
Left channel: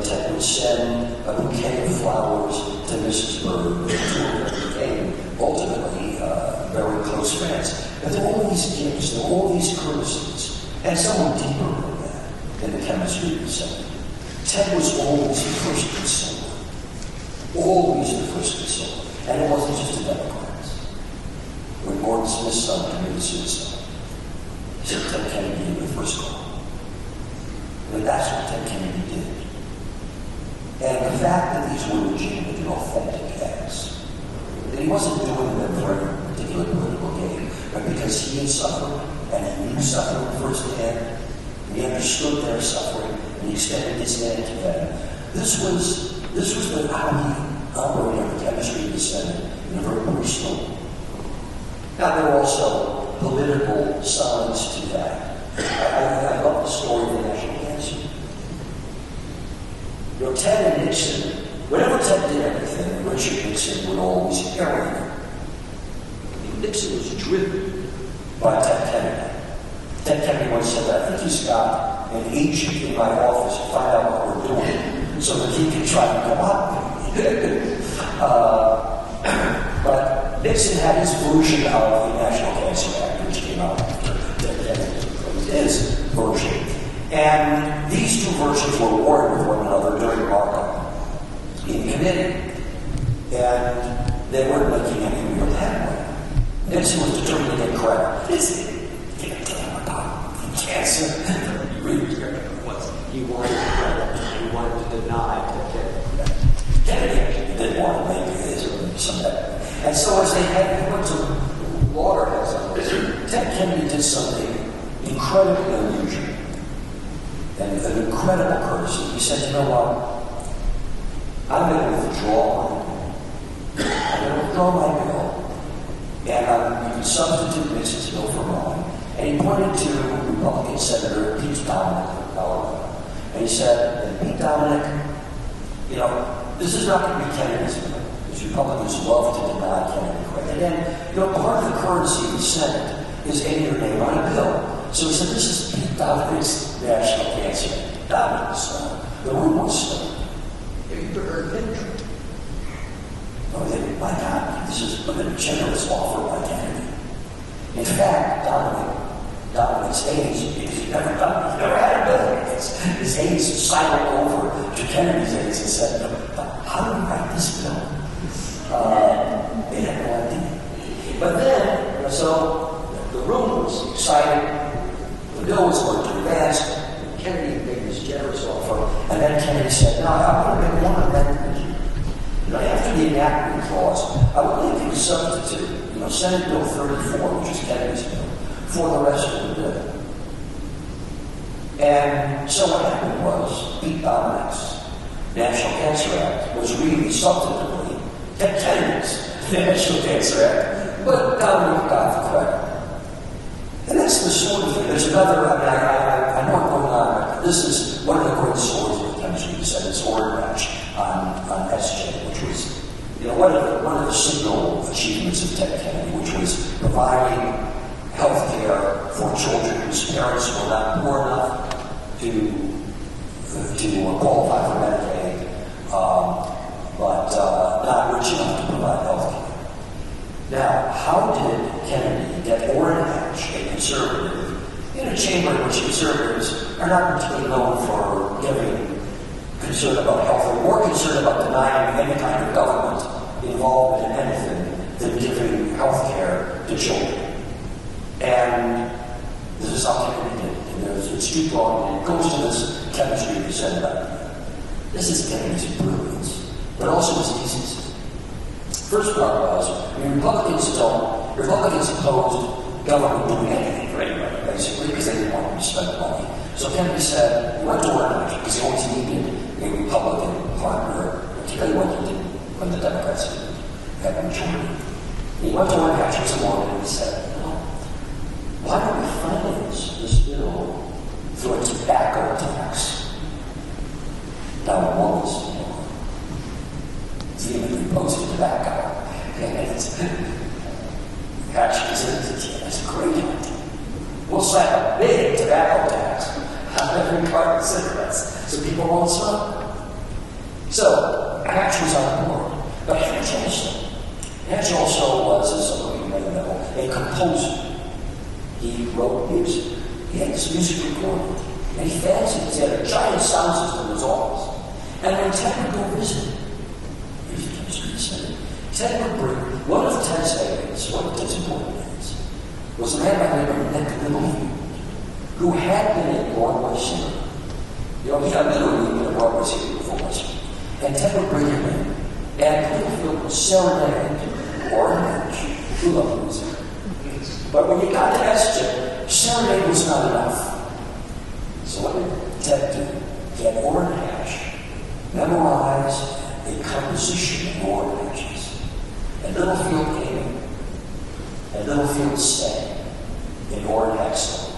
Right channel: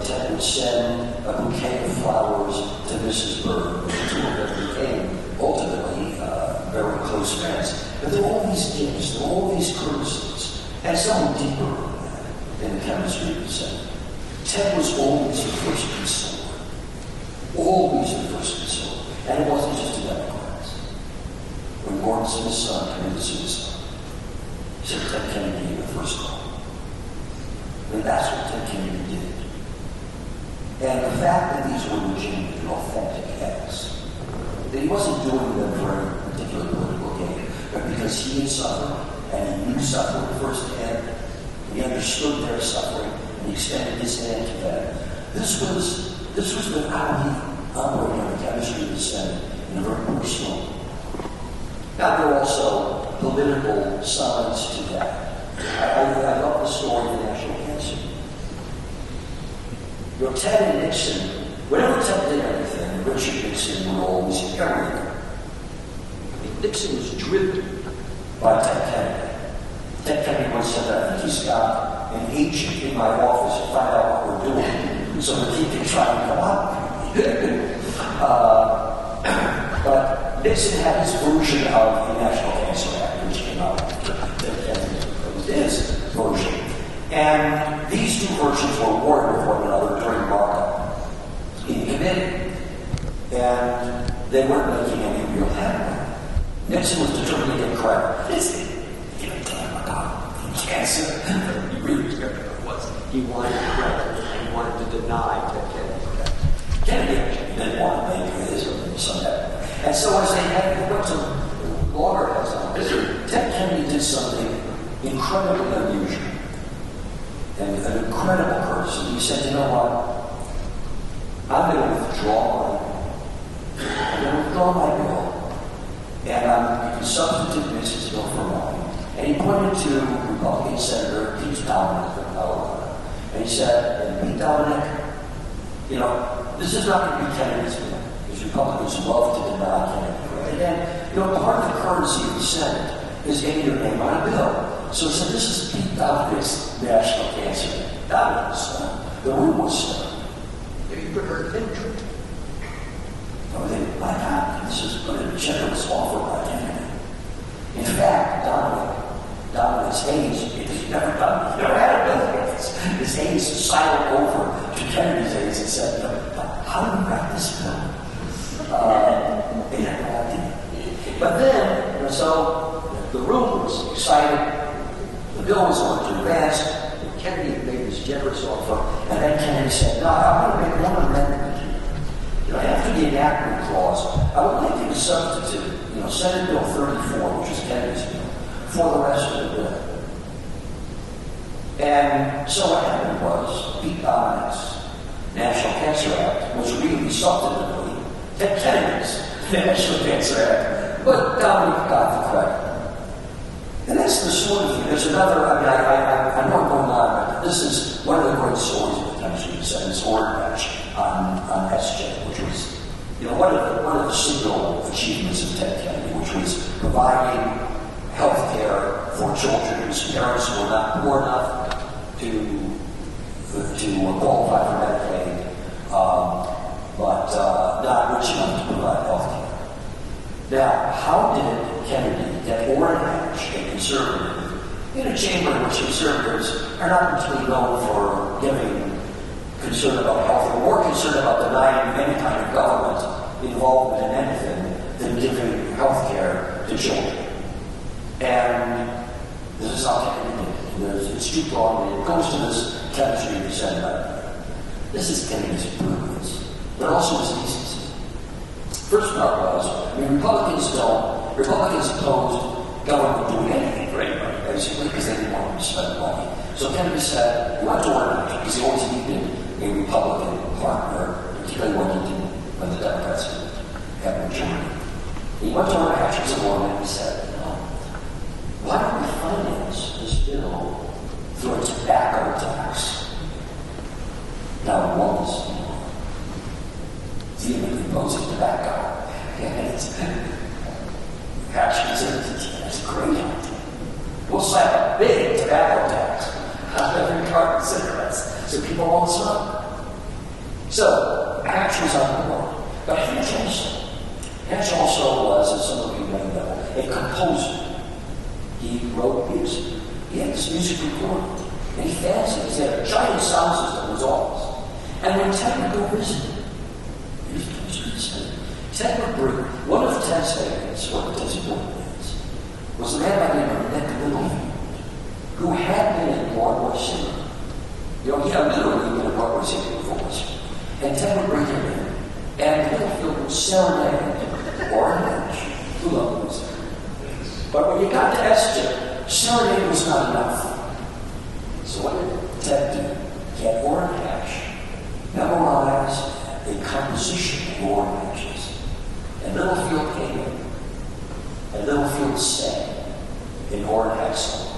Ted would send a bouquet of flowers to Mrs. Byrd. The two of them became ultimately very close friends. But there were all these gifts, there were all these courtesies, and some were deeper than that in the chemistry of the Senate. Ted was always the first consoler. Always the first consoler. And it wasn't just the Democrats. When Gordon Smith's son committed suicide, he said Ted Kennedy gave the first call. And that's what Ted Kennedy did. And the fact that these were legitimate and authentic acts, that he wasn't doing them for any particular political gain, but because he had suffered and he knew suffering firsthand. He understood their suffering, and he extended his hand to them. This was how he operated on the chemistry of the Senate in a very personal. Now, there are also political sides to that. I love the story of the national cancer. You know, Ted and Nixon, whenever Ted did anything, Richard Nixon would always carry him. Nixon was driven by Ted Kennedy. Ted Kennedy once said that, I think he's got an agent in my office to find out what we're doing so that he can try to come up. But Nixon had his version of the National Cancer Act, which came out after Ted Kennedy proposed his version. And these two versions were warring with one another during the markup in committee. And they weren't making any real headway. Nixon was determined to get credit. Give a damn about cancer. He really cared about it was. He wanted credit. He wanted to deny Ted Kennedy. Kennedy actually didn't want to make his or some headway. And so as they went to loggerheads on this, Ted Kennedy did something incredibly unusual and an incredible courtesy. He said, you know what? I'm going to withdraw my bill, and you can substitute Nixon's bill for mine. And he pointed to Republican Senator Pete Dominic of Colorado. And he said, and Pete Dominic, you know, this is not going to be Kennedy's bill. Because Republicans love to deny Kennedy credit. And then, you know, part of the courtesy of the Senate is getting your name on a bill. So he said, this is Pete Dominic's National Cancer Act. Dominic was stunned. The room was stunned. You could heard victory. Oh, they, my God, this is a generous offer by Kennedy. In fact, Dominic's aides, he's never had a bill like this. His aides sidled over to Kennedy's aides and said, how do we write this bill? They had no idea. But then, you know, so the room was excited. The bill was going to advance. And Kennedy had made this generous offer. And then Kennedy said, no, I want to make one amendment here. You know, after the enactment clause, I would like to substitute, you know, Senate Bill 34, which is Kennedy's bill, for the rest of the bill. And so what happened was, Pete Dominic's National Cancer Act was really substantively Ted Kennedy's National Cancer Act, but Dominic got the credit. And that's the sort of thing. There's another, I know I'm going on, but this is one of the great stories of the chemistry. He said his order match on SJ, which was, you know, one of the signal achievements of Ted Kennedy, which was providing health care for children whose parents were not poor enough to qualify for Medicaid, but not rich enough to provide health care. Now, how did Kennedy get Orrin Hatch, a conservative, in a chamber in which conservatives are not particularly known for giving concern about health, or more concerned about denying any kind of government involvement in anything than giving health care to children. And this is how Kennedy did it. It's too broad, and it goes to this chemistry of the Senate. This is Kennedy's brilliance, but also his decency. First part was, Republicans opposed government doing anything for anybody, basically, because they didn't want them to spend money. So Kennedy said, he went to Orrin Hatch, because he always needed a Republican partner, particularly when he didn't, when the Democrats didn't have a majority. He went to Orrin Hatch once morning and he said, why don't we finance this bill through a tobacco tax? Now, one is, vehemently opposing tobacco. And Hatch said, that's a great idea. We'll slap a big tobacco tax on every carton of cigarettes so people won't smoke. So, Hatch was on board. But Hatch also was, as some of you may know, a composer. He wrote music. He had this music recorded. And he fancied it. He had a giant sound system in his office. And when Ted would go visit, Ted would bring one of Ted's favorites, one of Ted's important things, was a man by the name of Neal Gabler, who had been a Broadway singer. You know, he had literally been a Broadway singer before. And Ted would bring him in, and Littlefield would serenade Orrin Hatch, who loved music. But when you got to SJ, serenade was not enough. So what did Ted do? Get Orrin Hatch, memorize a composition of Orrin Hatch's. And Littlefield came in. And Littlefield sang in Orrin Hatch's song.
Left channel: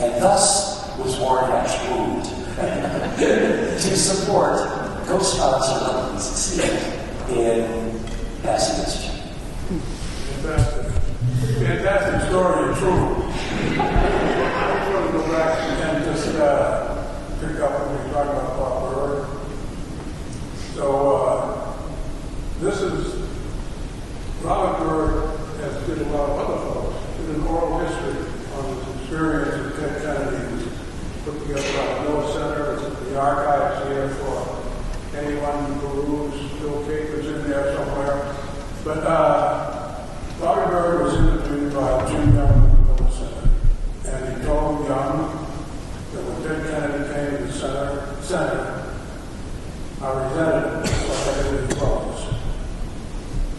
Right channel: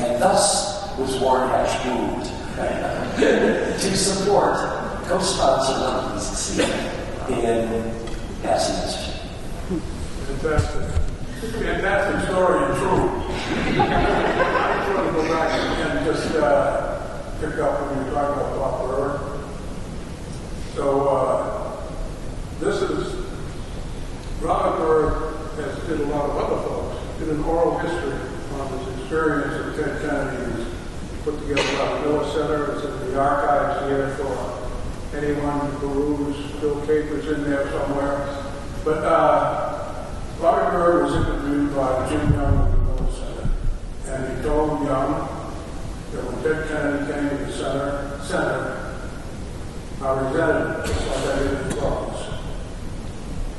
And thus was Orrin Hatch moved to support co-sponsor Lincoln's seat in passing this. Fantastic story and true. I just want to go back and just pick up when we were talking about Bob Bird. So this is Robert Bird has did a lot of other folks. Did an oral history on his experience of Ted Kennedy. He's put together by the Miller Center. It's in the archives here for anyone to peruse. Bill Caper's in there somewhere. But Robert Bird was interviewed by Jim Young at the Miller Center. And he told Young that when Ted Kennedy came to the Center, I resented it like I did in Florence.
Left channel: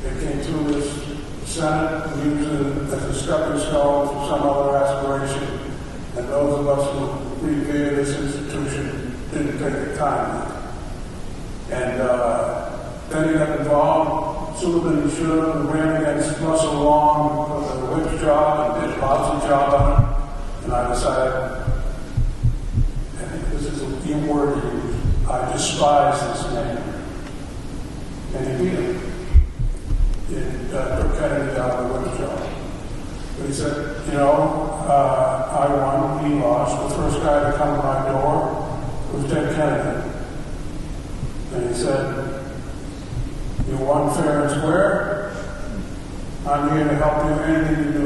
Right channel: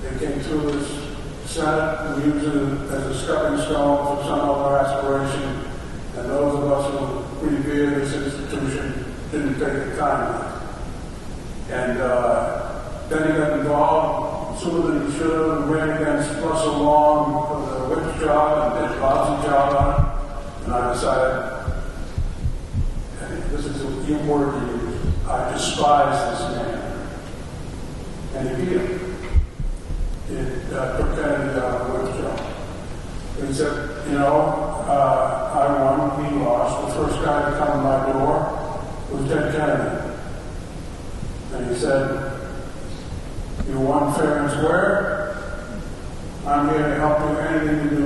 It came through his Senate and used it as a stepping stone for some other aspiration, and those of us who revere this institution didn't take the time. And then he got involved sooner than he should have and ran against Russell Long for the whip job and did a lousy job on it. And I decided, this is a word to use, I despise this man. And he beat him. It took Kennedy out of the whip job. And he said, I won, he lost. The first guy to come to my door was Ted Kennedy. And he said, you won fair and square. I'm here to help you. Anything you do,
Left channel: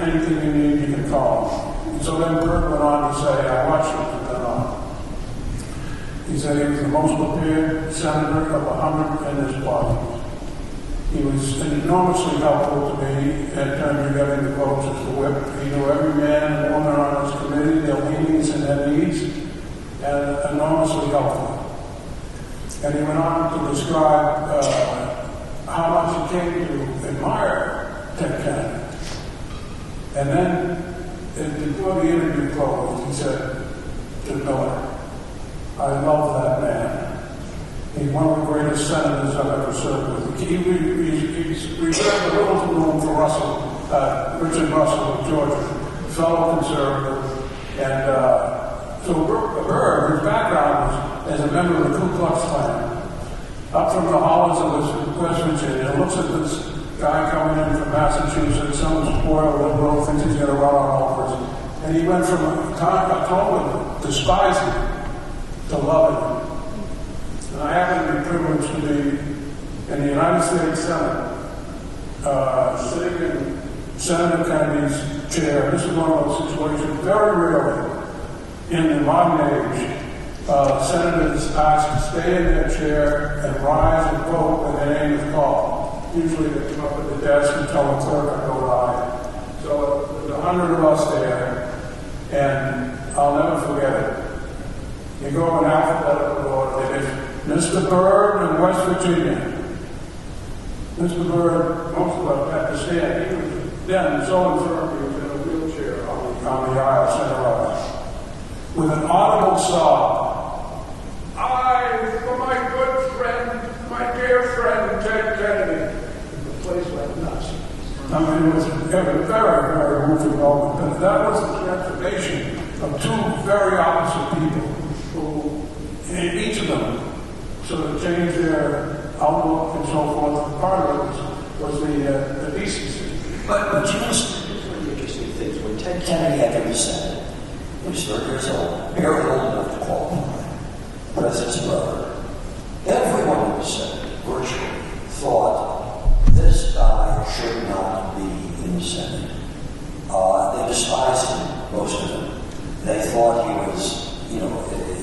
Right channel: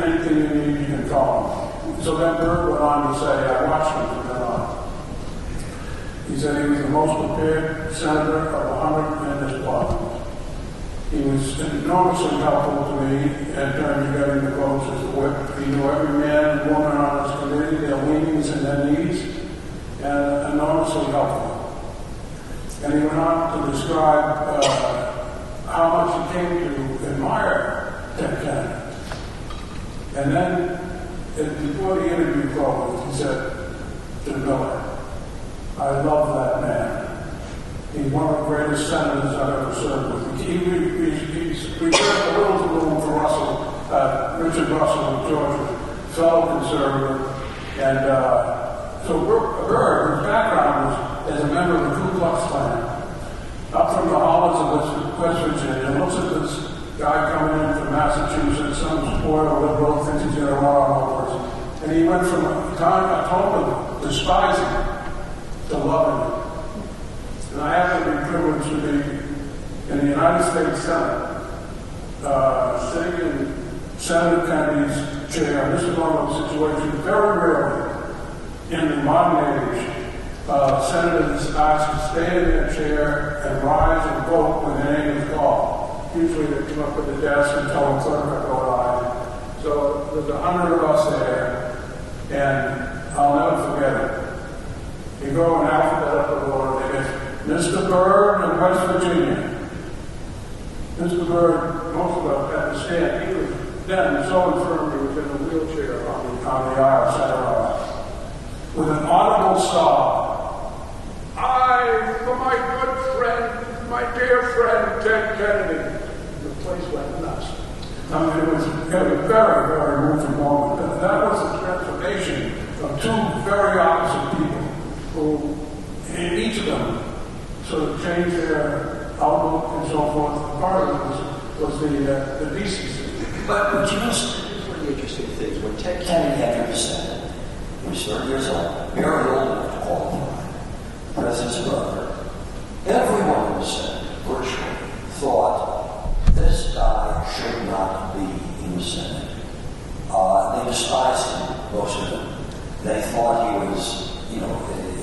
anything you need, you can call me. So then Bird went on to say, I watched him from then on. He said he was the most prepared senator of 100 in this party. He was enormously helpful to me at times getting the votes as a whip. He knew every man and woman on his committee, their leanings and their needs, and enormously helpful. And he went on to describe how much he came to admire Ted Kennedy. And then, before the interview closed, he said to Miller, I love that man. He's one of the greatest senators I've ever served with. He reserved a little room for Richard Russell of Georgia, fellow conservative. And so Bird, whose background was as a member of the Ku Klux Klan, up from the hollows of West Virginia, looks at this guy coming in from Massachusetts, some spoiled liberal, thinks he's going to run on over us. And he went from a totally despising to loving him. And I happen to be privileged to be in the United States Senate, sitting in Senator Kennedy's chair. This is one of those situations very rarely in the modern age. Senators asked to stay in their chair and rise and vote when their name is called. Usually they come up at the desk and tell the clerk to go aye. So there's 100 of us there, and I'll never forget it. You go in alphabetical order. It is Mr. Bird of West Virginia. Mr. Bird, most of us have to stand. He was then so infirm he was in a wheelchair on the aisle, center aisle, with an audible sob. For my good friend, my dear friend, Ted Kennedy. And the place went nuts. I mean, it was a very, very moving moment. And that was the transformation of two very opposite people who, each of them, sort of changed their outlook and so forth. Part of it was the decency. But here's one of the interesting things. When Ted Kennedy entered the Senate, he was 30 years old, barely old enough to qualify. The president's brother. Everyone in the Senate, virtually, thought this guy should not be in the Senate. They despised him, most of them. They thought he was,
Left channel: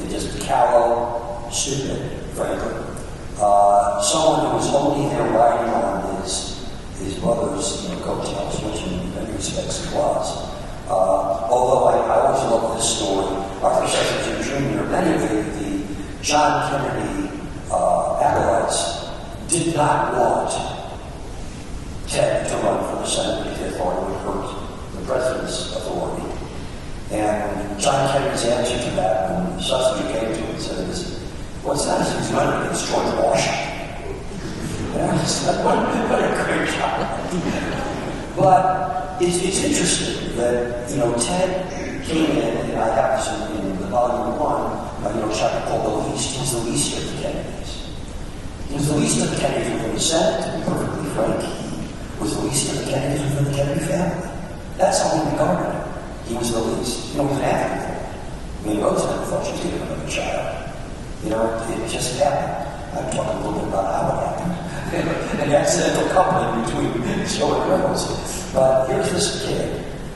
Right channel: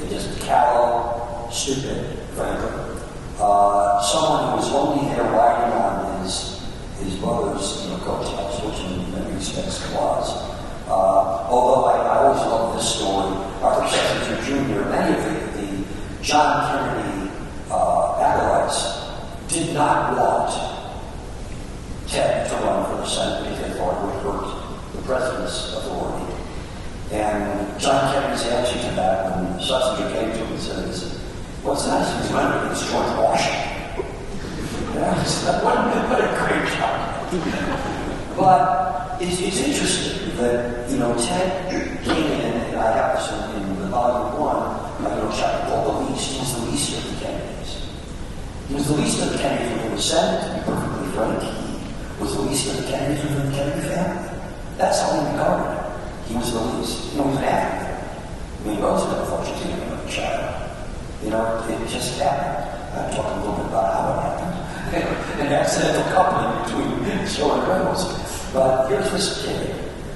just callow, stupid, frankly. Someone who was only there riding on his brother's coattails, which in many respects he was. Although I always love this story, our Kirk Jr., many of the John Kennedy acolytes did not want Ted to run for the Senate because they thought it would hurt the president's authority. And John Kennedy's answer to that, when Schlesinger came to him and said, what's that? He's running against George Washington. What a great job. But it's interesting that, Ted came in, and I have this in the volume 1, chapter called The Least. He was the least of the Kennedys. He was the least of the Kennedys within the Senate, to be perfectly frank. He was the least of the Kennedys within the Kennedy family. That's how he regarded him. He was the least. He was an actor. I mean, Roosevelt thought she didn't have a child. It just happened. I'll talk a little bit about how it happened. An accidental coupling between Joe and Reynolds. But here's this kid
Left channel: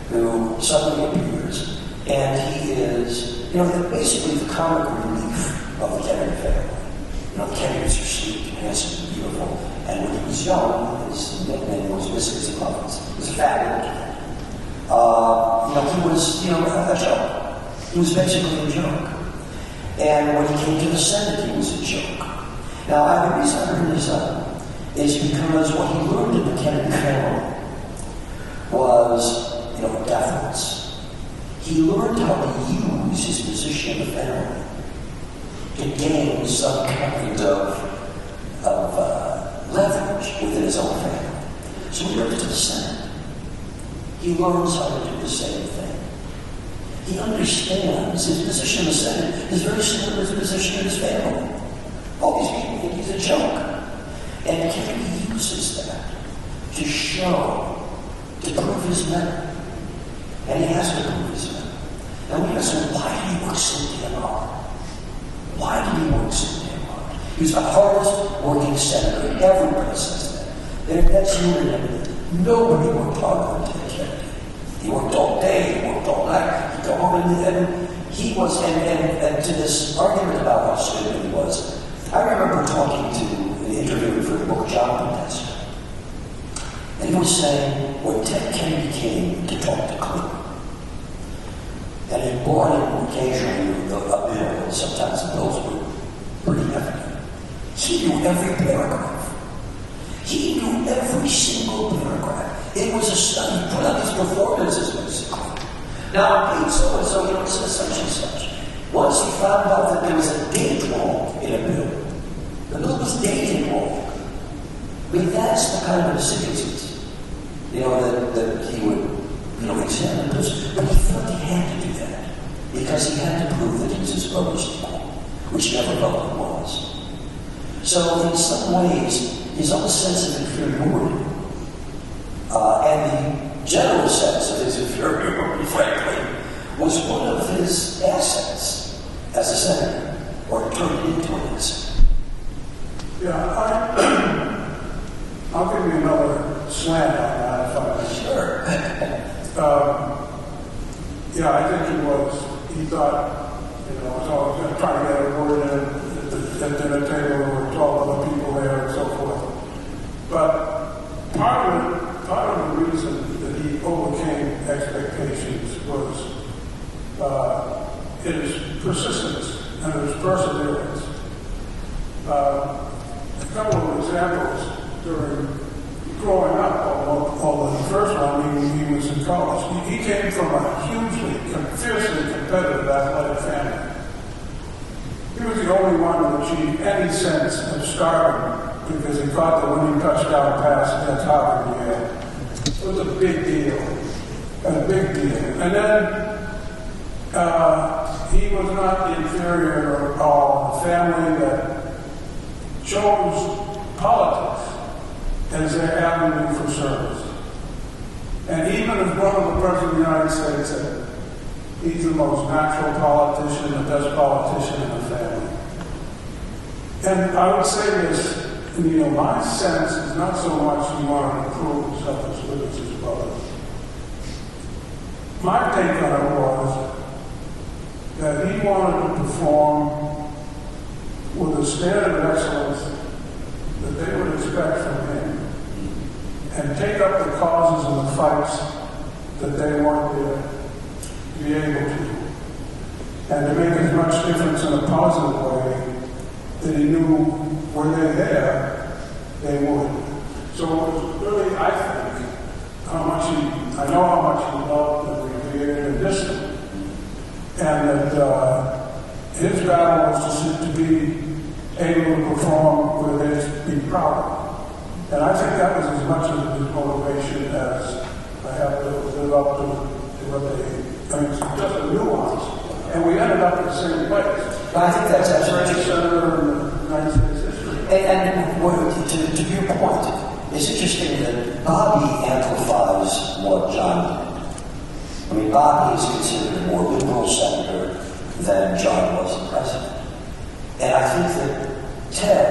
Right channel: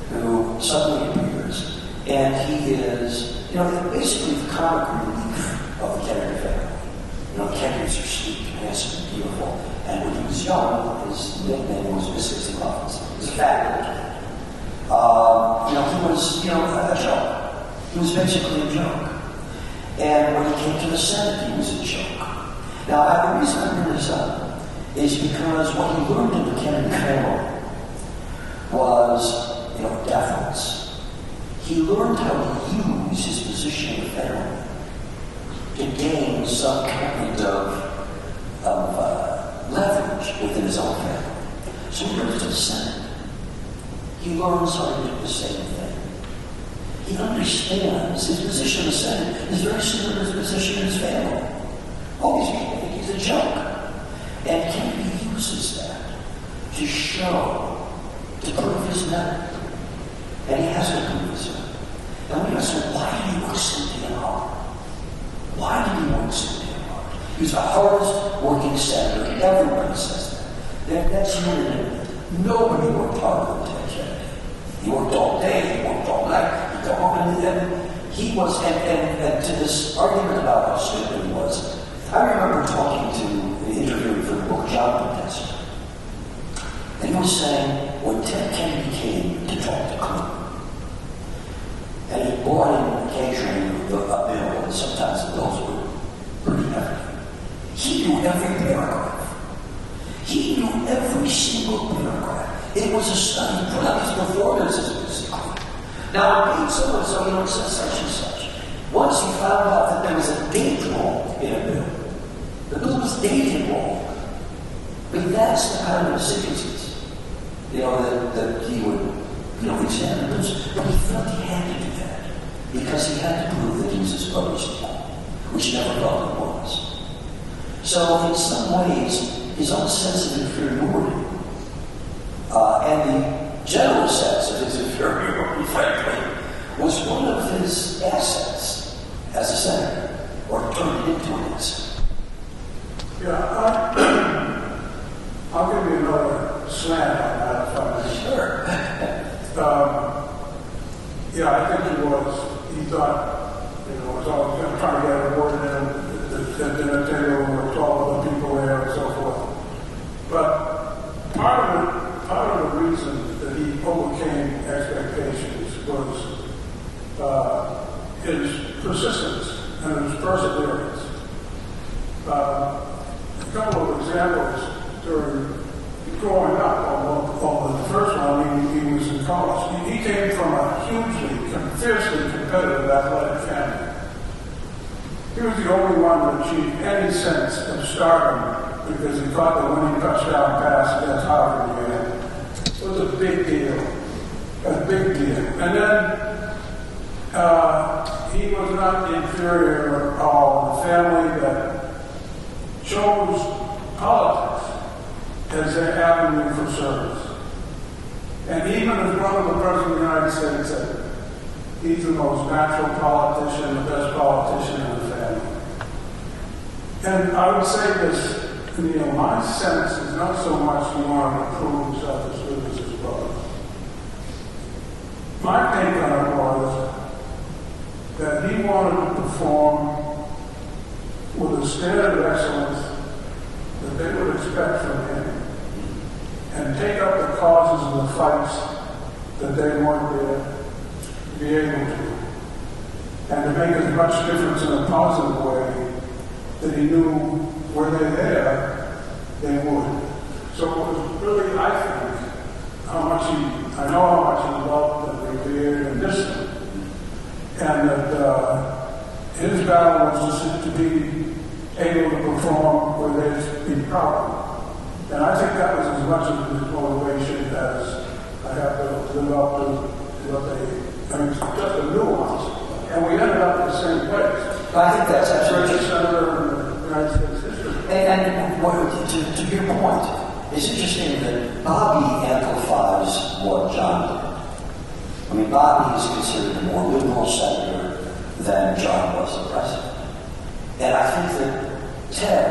who suddenly appears, and he is, basically the comic relief of the Kennedy family. Kennedys are sweet, handsome, and beautiful. And when he was young, his nickname was Whiskers and Muffins. He was a fat little kid. He was, a joke. He was basically a joke. And when he came to the Senate, he was a joke. Now, the reason I bring this up is because what he learned in the Kennedy family was, deference. He learned how to use his position in the family to gain some kind of leverage within his own family. So he goes to the Senate. He learns how to do the same thing. He understands his position in the Senate is very similar to his position in his family. All these people think he's a joke. And Kennedy uses that to show, to prove his merit. And he has to prove his merit. And we ask him, why did he work so damn hard? Why did he work so damn hard? He was the hardest working senator. Everybody says that. That's unanimous. Nobody worked harder than Ted Kennedy. He worked all day, he worked all night, he got home, and he was, and to this argument about how stupid he was, I remember talking to the interviewer for the book John Test. And he was saying, when Ted Kennedy came to talk to Clinton, and he brought in occasionally a bill, and sometimes the bills were pretty heavy, he knew every paragraph. He knew every single paragraph. It was a study. He put out his performances, basically. Now, I made so-and-so, it says such and such. Once he found out that there was a date wrong in a bill, the bill was dated wrong. I mean, that's the kind of secrecies, that he would, examine this. But he felt he had to do that because he had to prove that he was his brother's equal, which never felt he was. So, in some ways, his own sense of inferiority and the general sense of his inferiority, frankly, was one of his assets as a senator, or turned into an asset. Yeah, I'll give you another slant on that if I may. Sure. I think he was. He thought, was always going to try to get a word in at dinner table with all other people there and so forth. But part of the reason that he overcame expectations was his persistence and his perseverance. A couple of examples during growing up, although the first one, he was in college. He came from a hugely, fiercely competitive athletic family. He was the only one to achieve any sense of stardom because he caught the winning touchdown pass against Harvard. It was a big deal. A big deal. And then he was not inferior at all. A family that chose politics as their avenue for service. And even as one of the President of the United States said, he's the most natural politician, the best politician in the family. And I would say this, my sense is not so much he wanted to prove himself as good as his brother. My take on it was that he wanted to perform with a standard of excellence that they would expect from him and take up the causes and the fights that they weren't there to be able to, and to make as much difference in a positive way that he knew were they there, they would. So it was really, I think, how much he I know how much he loved and revered and distant, and that his battle was to be able to perform where they'd be proud. And I think that was as much of his motivation as I have to live up to what they, I mean, it's just a nuance. And we ended up in the same place. I think that's absolutely Greatest senator in the United States history. And to your point, it's interesting that Bobby amplifies what John did. I mean, Bobby is considered a more liberal senator than John was the president. And I think that Ted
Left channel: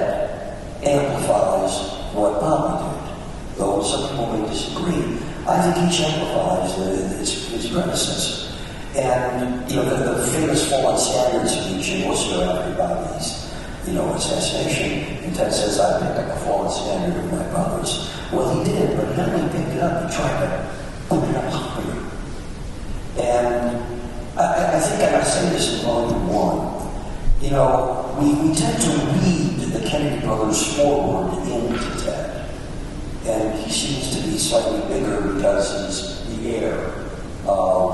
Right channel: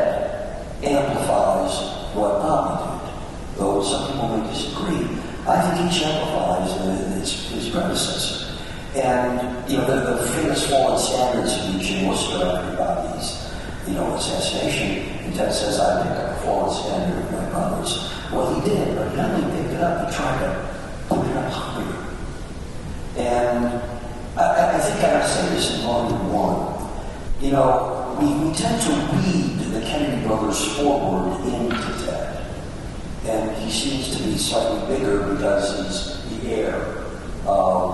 amplifies what Bobby did, though some people may disagree. I think each amplifies his predecessor. And, you know, the famous fallen standard speech in Worcester after Bobby's, assassination, and Ted says, I picked up a fallen standard of my brothers. Well, he did, but he not only picked it up, he tried to put it up higher. And I think I say this in Volume 1. We tend to read the Kennedy brothers forward into Ted. And he seems to be slightly bigger because he's the heir of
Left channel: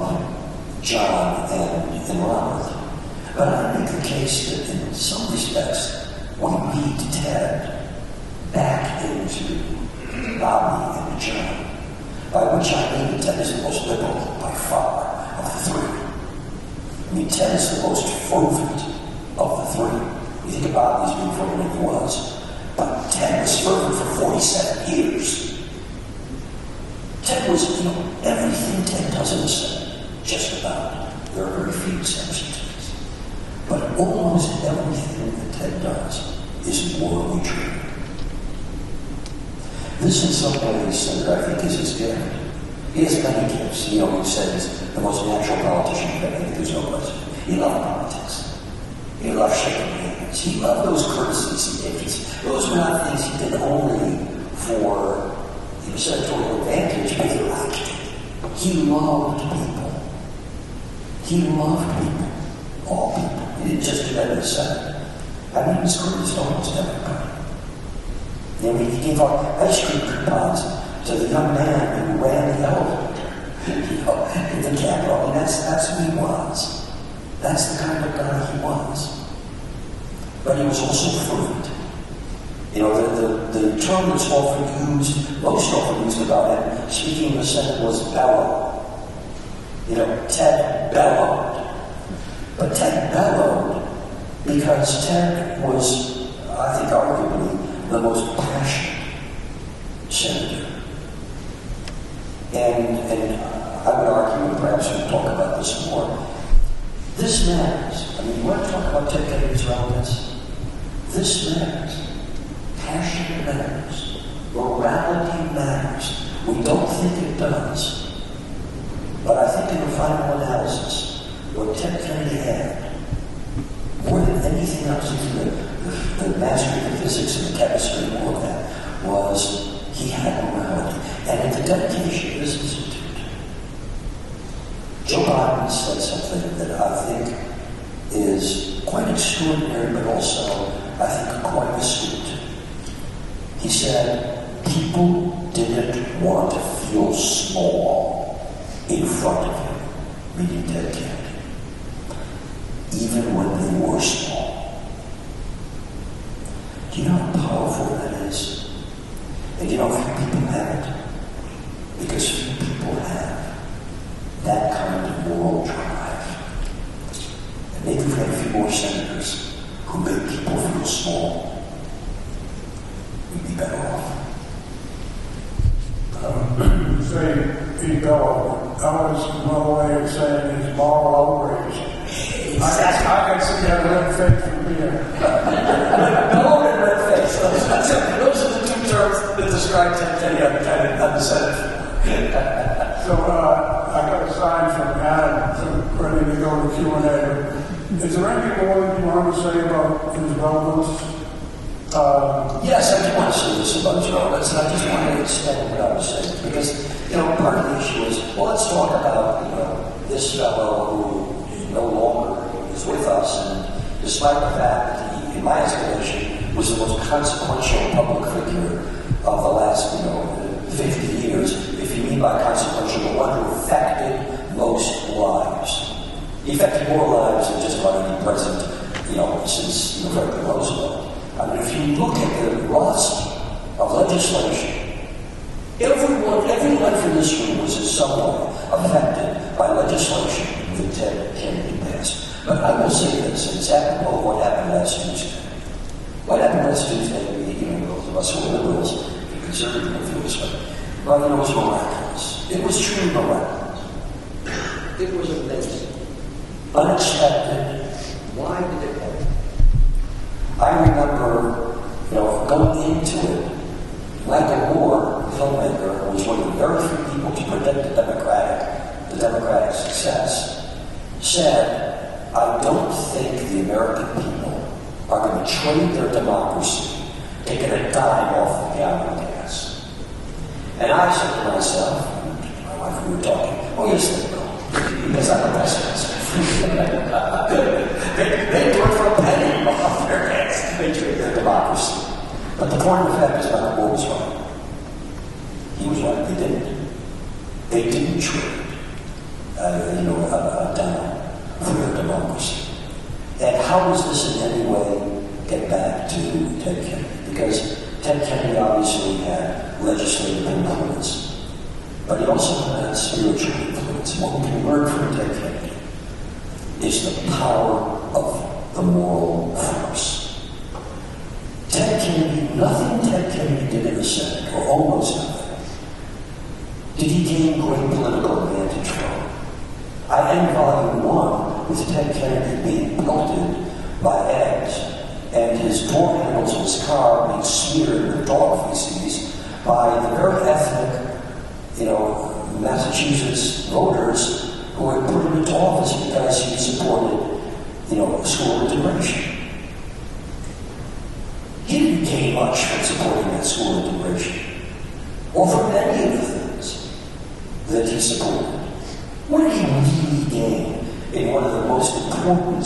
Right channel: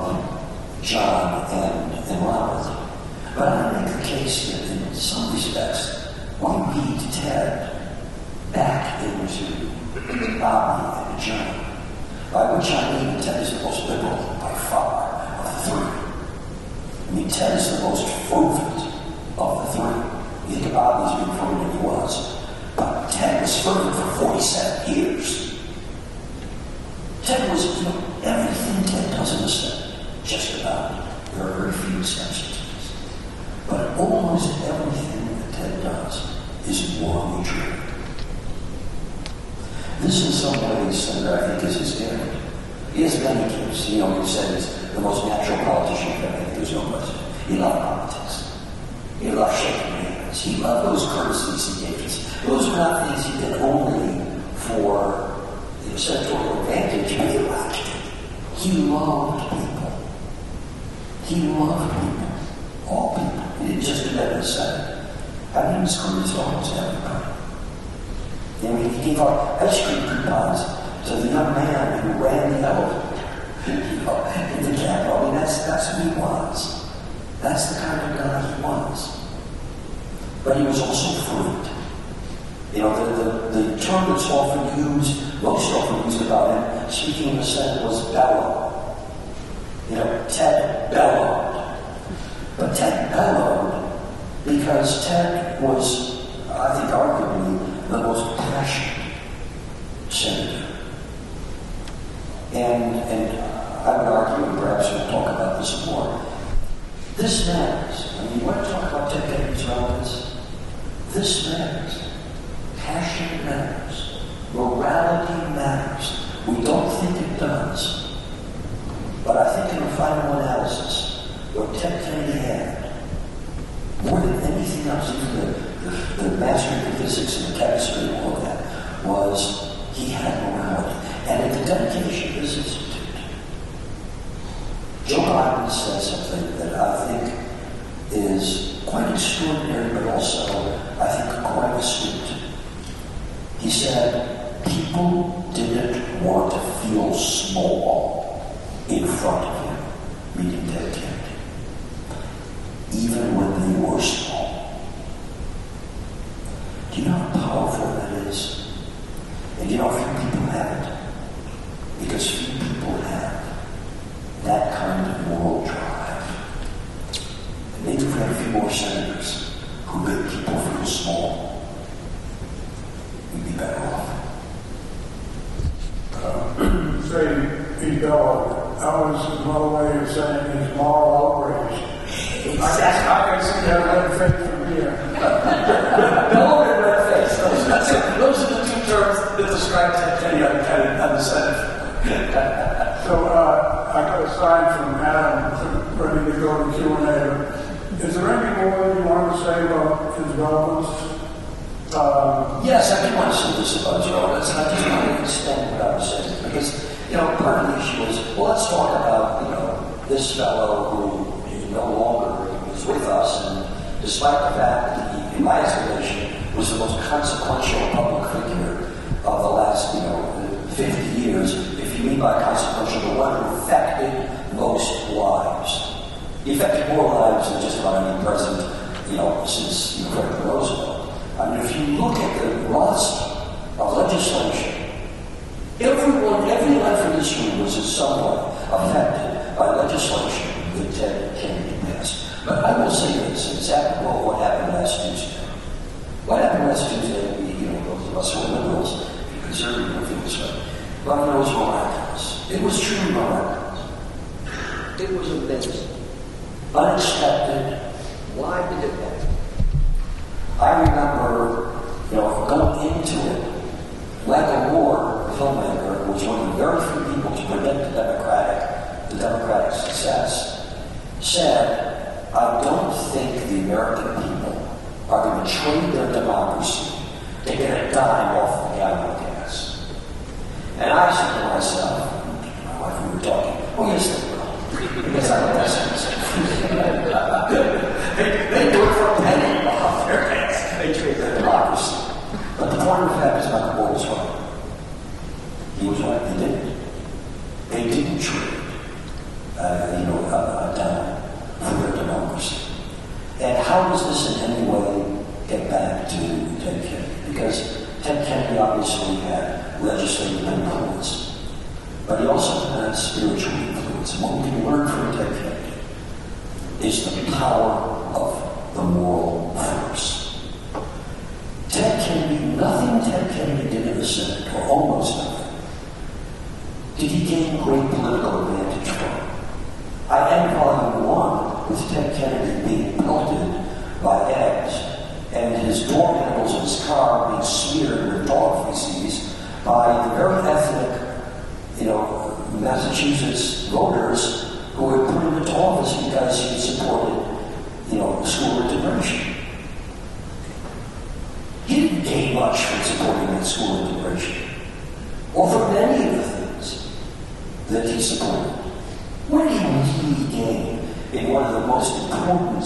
John and Robert. But I make the case that in some respects, we read Ted back into Bobby and John. By which I mean Ted is the most liberal by far of the three. I mean, Ted is the most fervent of the three. You think Bobby's been fervent, he was. But Ted was fervent for 47 years. Ted was, everything Ted does in the Senate, just about. There are very few exceptions to this. But almost everything that Ted does is morally true. This, in some ways, Senator, I think, is his gift. He has many gifts. He said he's the most natural politician you've ever. There's no question. He loved politics. He loved shaking hands. He loved those courtesies he gave. Those were not things he did only for senatorial advantage. He liked it. He loved people. He loved people. All people. He didn't just do that in the Senate. I mean, he was courteous to almost everybody. I mean, he gave out ice cream coupons to the young man who ran the elevator, in the Capitol. I mean, that's who he was. That's the kind of guy he was. But he was also fervent. The term that's often used, most often used about him, speaking in the Senate, was bellow. Ted bellowed. But Ted bellowed because Ted was, I think, arguably the most passionate senator. And I would argue, and perhaps we'll talk about this more, this matters. I mean, you want to talk about Ted Kennedy's relevance? This matters. Passion matters. Morality matters. We don't think it does. But I think in the final analysis, what Ted Kennedy had, more than anything else, even the mastery of physics and chemistry and all of that, was he had morality. And in the dedication of this institute, Joe Biden said something that I think is quite extraordinary, but also, I think, quite astute. He said, people didn't want to feel small in front of him, meaning Ted Kennedy, even when they were small. Do you know how powerful that is? And few people have it. Because few people have that kind of moral drive. And maybe we have a few more senators who make people feel small. We'd be better off. Say, be bellowed. That was one way of saying it's moral outrage. I can see that red face from here. Bellowed and red face. Those are the two terms that describe Ted Kennedy on the Senate. So I got a sign from Adam ready to go to Q&A. But is there anything more you want to say about his relevance? Yes, I do want to say this about his relevance, and I just want to extend what I was saying. Because, part of the issue is, well, let's talk about, this fellow who no longer is with us, and despite the fact that he, in my estimation, was the most consequential public figure of the last, 50 years, if you mean by consequential, the one who affected most lives. He affected more lives than just about any president, since Franklin Roosevelt. I mean, if you look at the roster of legislation, every life in this room was in some way affected by legislation that Ted Kennedy passed. But I will say this, and it's apropos of what happened last Tuesday. What happened last Tuesday, those of us who are liberals, the conservative views, but it was miraculous. It was truly miraculous. It was amazing. Unexpected. Why did it happen? I remember, going into it, Michael Moore, filmmaker, was one of the very few people to predict the Democratic success, said, I don't think the American people are going to trade their democracy to get a dime off the gallon of gas. And I said to myself, my wife, we were talking, oh yes, they will. Because I'm a pessimist. they do it for a penny off their gas. They trade their democracy. But the point of the fact is Michael Moore was right. He was right, they didn't. They didn't trade a dime for their democracy. And how does this in any way get back to Ted Kennedy? Because Ted Kennedy obviously had legislative influence, but he also had spiritual influence. What we can learn from Ted Kennedy is the power of the moral force. Nothing Ted Kennedy did in the Senate, or almost nothing, did he gain great political advantage from. I end Volume 1 with Ted Kennedy being pelted by eggs and his door handles of his car being smeared with dog feces by the very ethnic, Massachusetts voters who had put him into office because he supported, school integration. He didn't gain much from supporting that school integration, or from any of the things that he supported. What did he really gain in one of the most important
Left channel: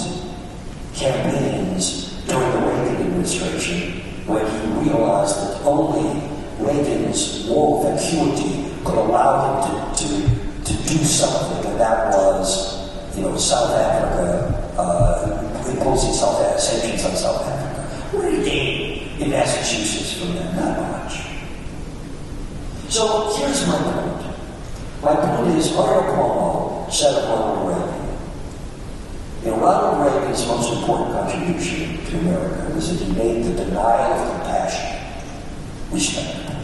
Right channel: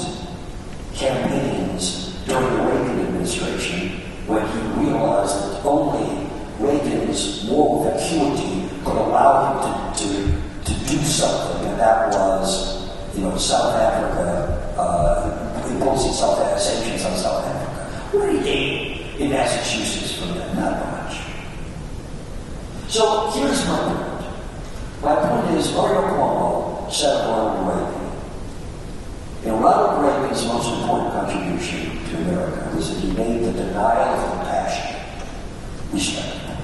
campaigns during the Reagan administration, when he realized that only Reagan's moral vacuity could allow him to do something, and that was, South Africa, imposing sanctions on South Africa. What did he gain in Massachusetts from that? Not much. So here's my point. My point is, Mario Cuomo said of Ronald Reagan. Ronald Reagan's most important contribution to America was that he made the denial of compassion respectable.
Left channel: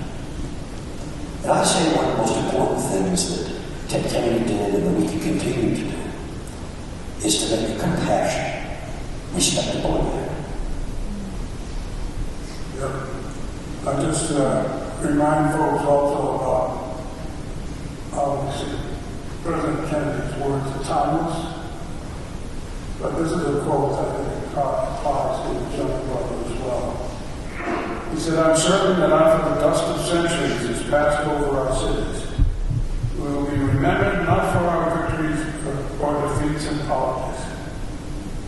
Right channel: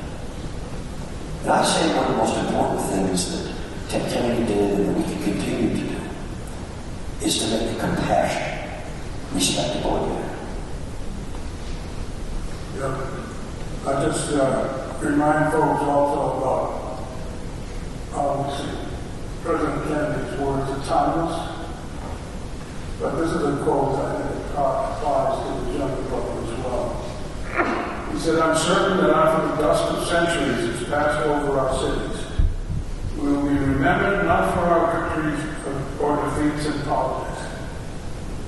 And I say one of the most important things that Ted Kennedy did and that we can continue to do is to make compassion respectable again. I just remind folks also about President Kennedy's words are timeless, but this is a quote I think applies to the young brother as well. He said, I'm certain that after the dust of centuries has passed over our cities, we will be remembered not for our victories or defeats in politics,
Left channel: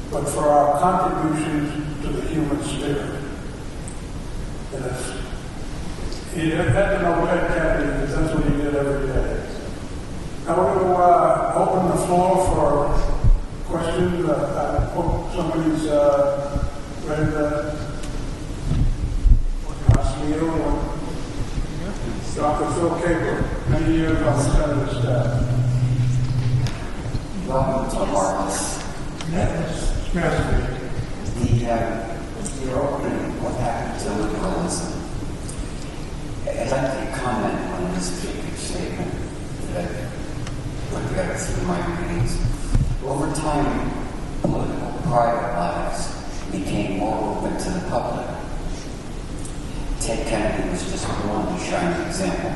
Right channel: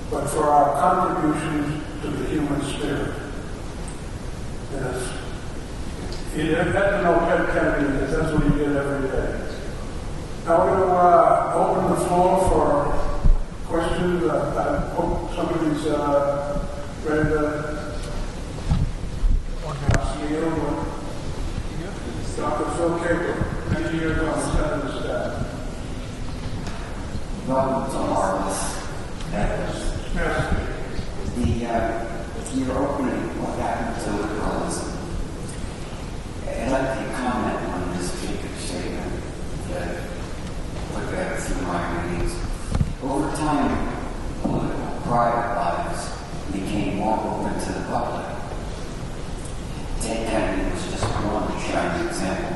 but for our contributions to the human spirit. Yes. He had to know Ted Kennedy, because that's what he did every day. I want to open the floor for questions. I hope somebody's ready to ask Neal or Dr. Phil Gabler. Many years on the Senate staff. Welcome to Marcus. Your opening, what happened to liberalism? I'd like to comment on this particular statement that I looked at through my readings. Over time, political private lives became more open to the public. Ted Kennedy was just one shining example.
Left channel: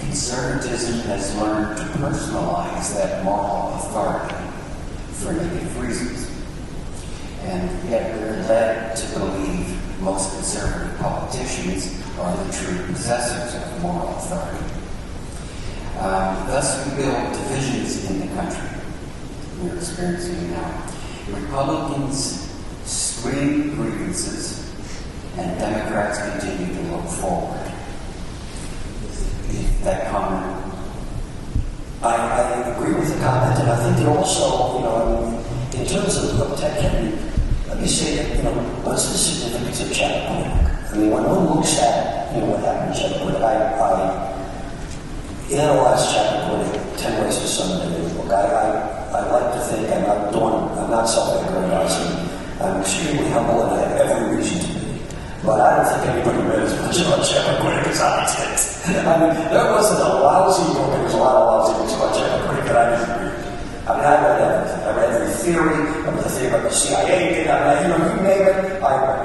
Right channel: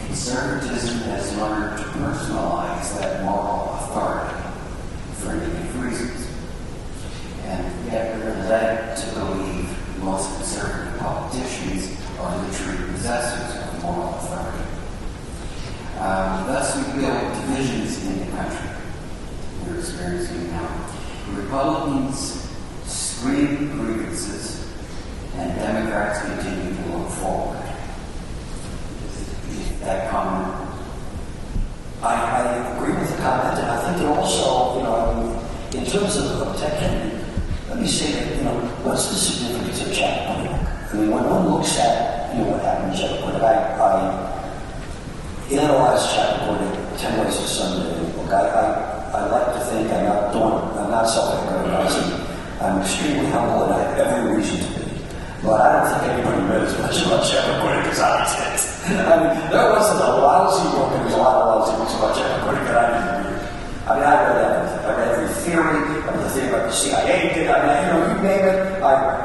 Conservatism has learned to personalize that moral authority for negative reasons. And yet we're led to believe most conservative politicians are the true possessors of moral authority. Thus we build divisions in the country we're experiencing now. Republicans scream grievances, and Democrats continue to look forward. I think that also, in terms of Ted Kennedy, let me say that, what's the significance of Chappaquiddick? I mean, when one looks at, what happened in Chappaquiddick, I analyzed Chappaquiddick 10 Ways to Sunday in the book. I like to think I'm not self-aggrandizing. I'm extremely humble and I have every reason to be. But I don't think anybody read as much about Chappaquiddick as I did. I mean, there wasn't a lousy book. There was a lot of lousy books about Chappaquiddick that I didn't read. I mean, I read everything. I read every theory. I read the theory about the CIA thing. You name it, I read.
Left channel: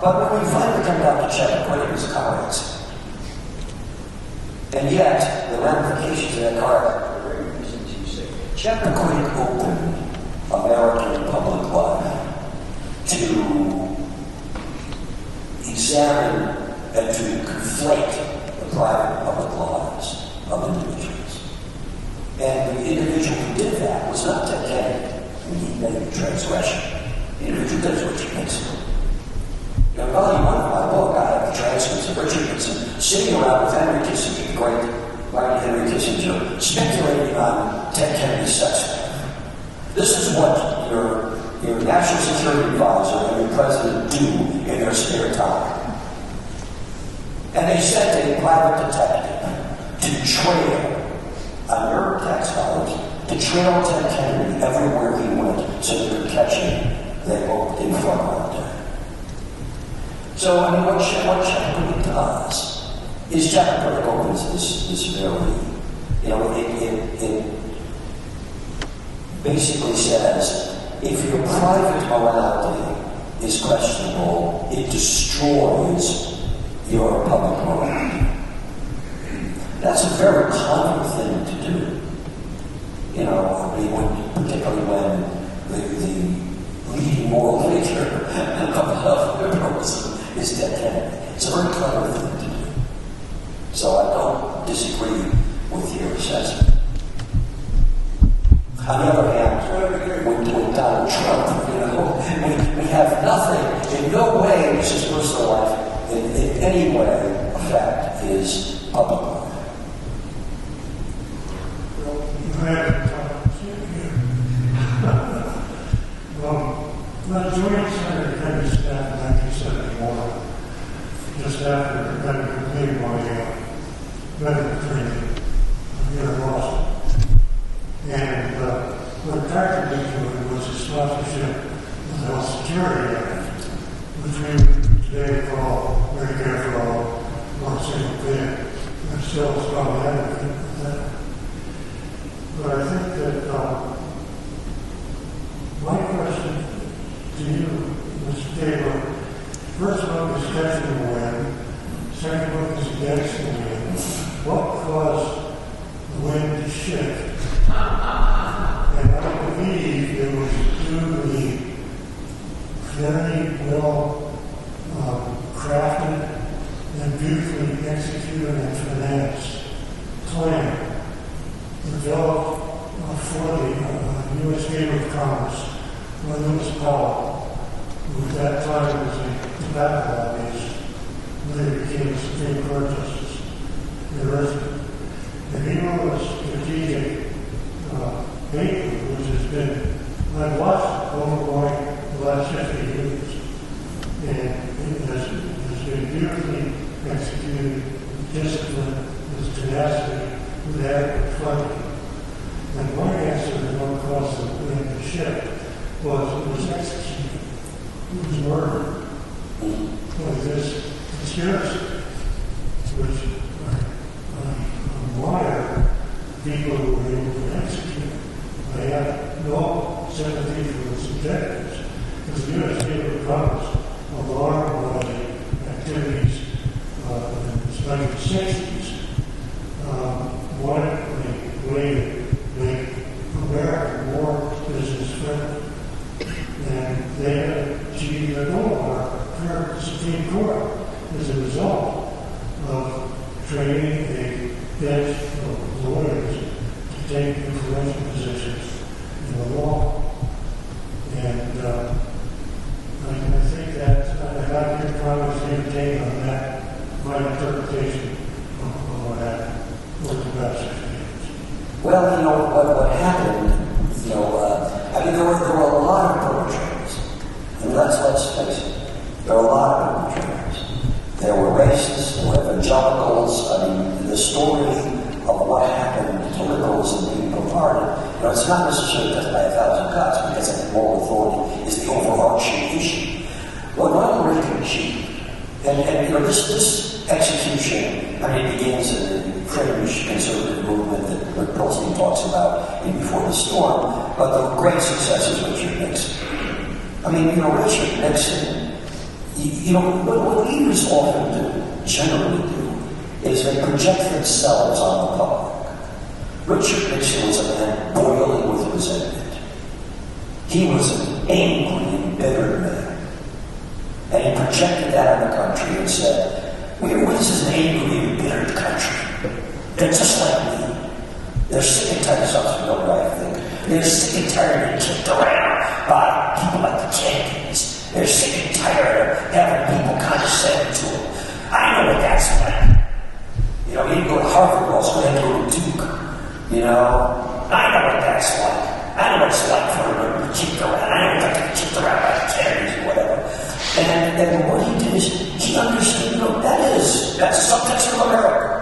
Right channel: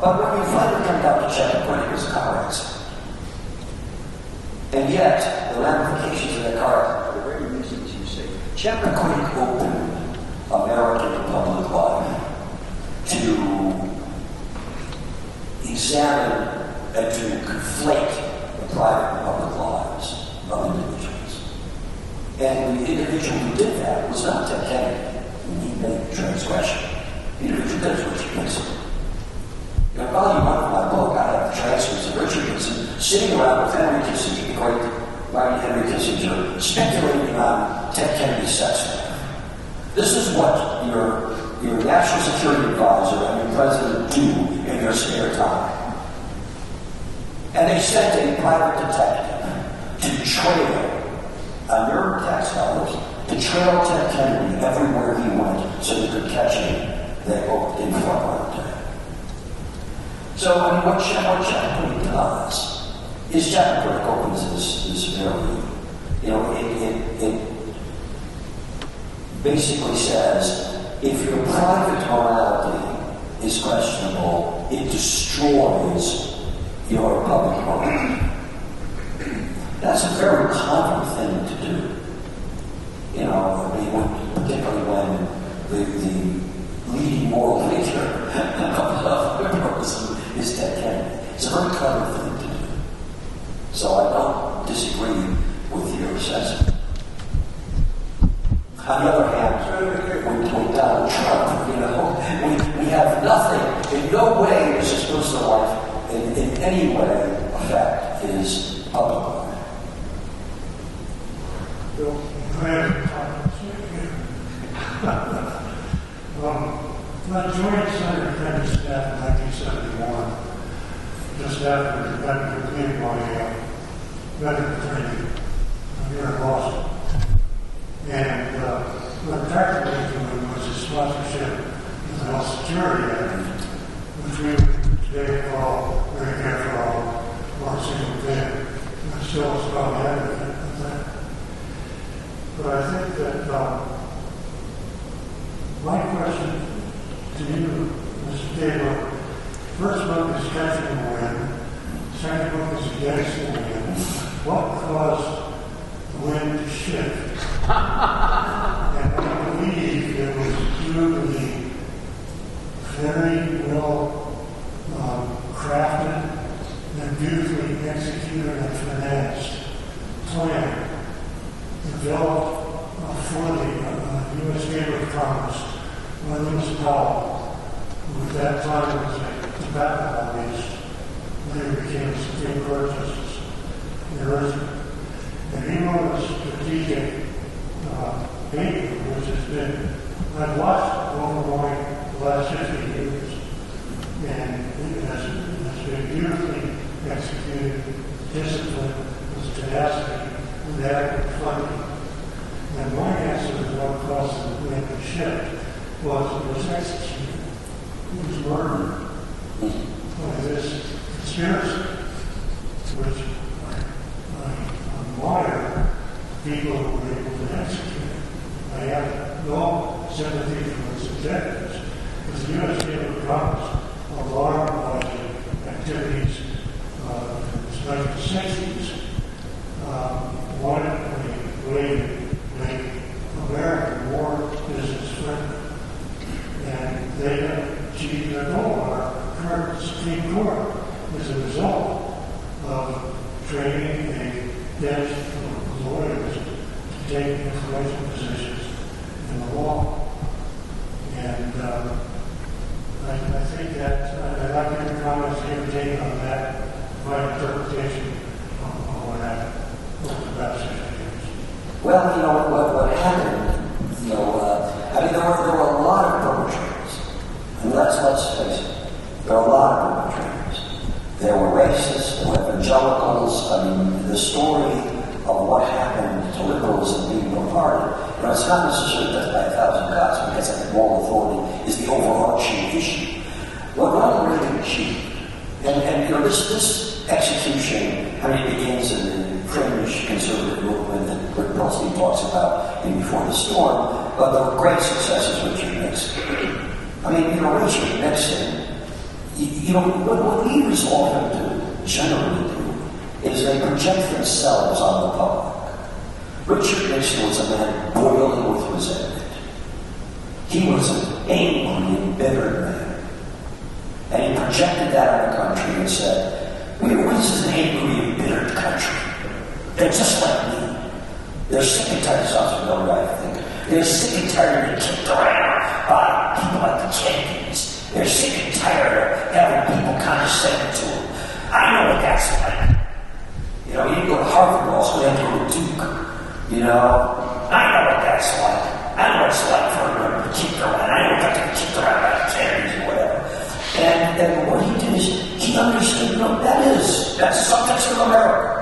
But when we finally come down to Chappaquiddick, it was a car accident. And yet, the ramifications of that car accident, for the very reasons you say, Chappaquiddick opened American public life to examine and to conflate the private and public lives of individuals. And the individual who did that was not Ted Kennedy. He made a transgression. The individual does what he thinks of. In volume 1 of my book, I have the transcripts of Richard Nixon sitting around with Henry Kissinger, the great mighty Henry Kissinger, speculating on Ted Kennedy's sex life. This is what your national security advisor and your president do in their spare time. And they sent a private detective to trail, on your tax dollars, to trail Ted Kennedy everywhere he went so they could catch him, they hoped, in front of him. So, I mean, what Chappaquiddick does is Chappaquiddick opens this very, it basically says, if your private morality is questionable, it destroys your public morality. That's a very clever thing to do. Particularly when the leading moral figure of liberalism is Ted Kennedy. It's a very clever thing to do. So I don't disagree with your assessment. On the other hand, with Donald Trump, we have nothing, in no way does his personal life in any way affect his public life. When I joined Senator Kennedy's staff in 1971, just after I completed my medical training here in Boston, and what attracted me to it was his sponsorship of the Health Security Act, which we today call Medicare for All, one single pay. I'm still a strong advocate of that. But I think that my question to you, Mr. Taylor, first book is Catching the Wind, second book is Against the Wind. What caused the wind to shift? And I believe it was through the very well crafted and beautifully executed and financed plan developed for the U.S. Chamber of Commerce by Lewis Powell, who at that time was a tobacco lobbyist, later became a Supreme Court Justice in Arizona. And he wrote a strategic paper, which has been, I've watched it ongoing the last 50 years, and it has been beautifully executed, with discipline, with tenacity, with adequate funding. And my answer to what caused the wind to shift was it was executed. It was murdered by this conspiracy, which I admire people who were able to execute. I have no sympathy for its objectives. As the U.S. Chamber of Commerce, alarmed by the activities in the 1960s, wanted a way to make America more business friendly. And they achieved their goal. Our current Supreme Court is a result of training a bench of lawyers to take influential positions in the law. And I think that I'd like to hear Congress give a take on that, my interpretation of what happened over the past 60 years. Well, you know, what happened, you know, I mean, there were a lot of perpetrators. And let's face it, there were a lot of perpetrators. There were racists, there were evangelicals. I mean, the story of what happened to liberalism being bombarded, you know, it's not necessarily just by 1,000 cuts, because I think moral authority is the overarching issue. What Ronald Reagan achieved, and you know, this execution, I mean, it begins in the fringe conservative movement that Rick Perlstein talks about in Before the Storm, but the great success is Richard Nixon. I mean, you know, Richard Nixon, you know, what leaders often do, generally do, is they project themselves on the public. Richard Nixon was a man boiling with resentment. He was an angry, embittered man. And he projected that on the country and said, this is an angry, embittered country. They're just like me. They're sick and tired of something going right, I think. They're sick and tired of being kicked around by people like the Kennedys. They're sick and tired of having people condescend to them. I know what that's like. You know, he didn't go to Harvard, also had to go to Duke. You know, I know what that's like. I know what it's like for him to be kicked around. I know what to be kicked around by the Kennedys or whatever. And what he did is he understood, you know, that's the subtext of America.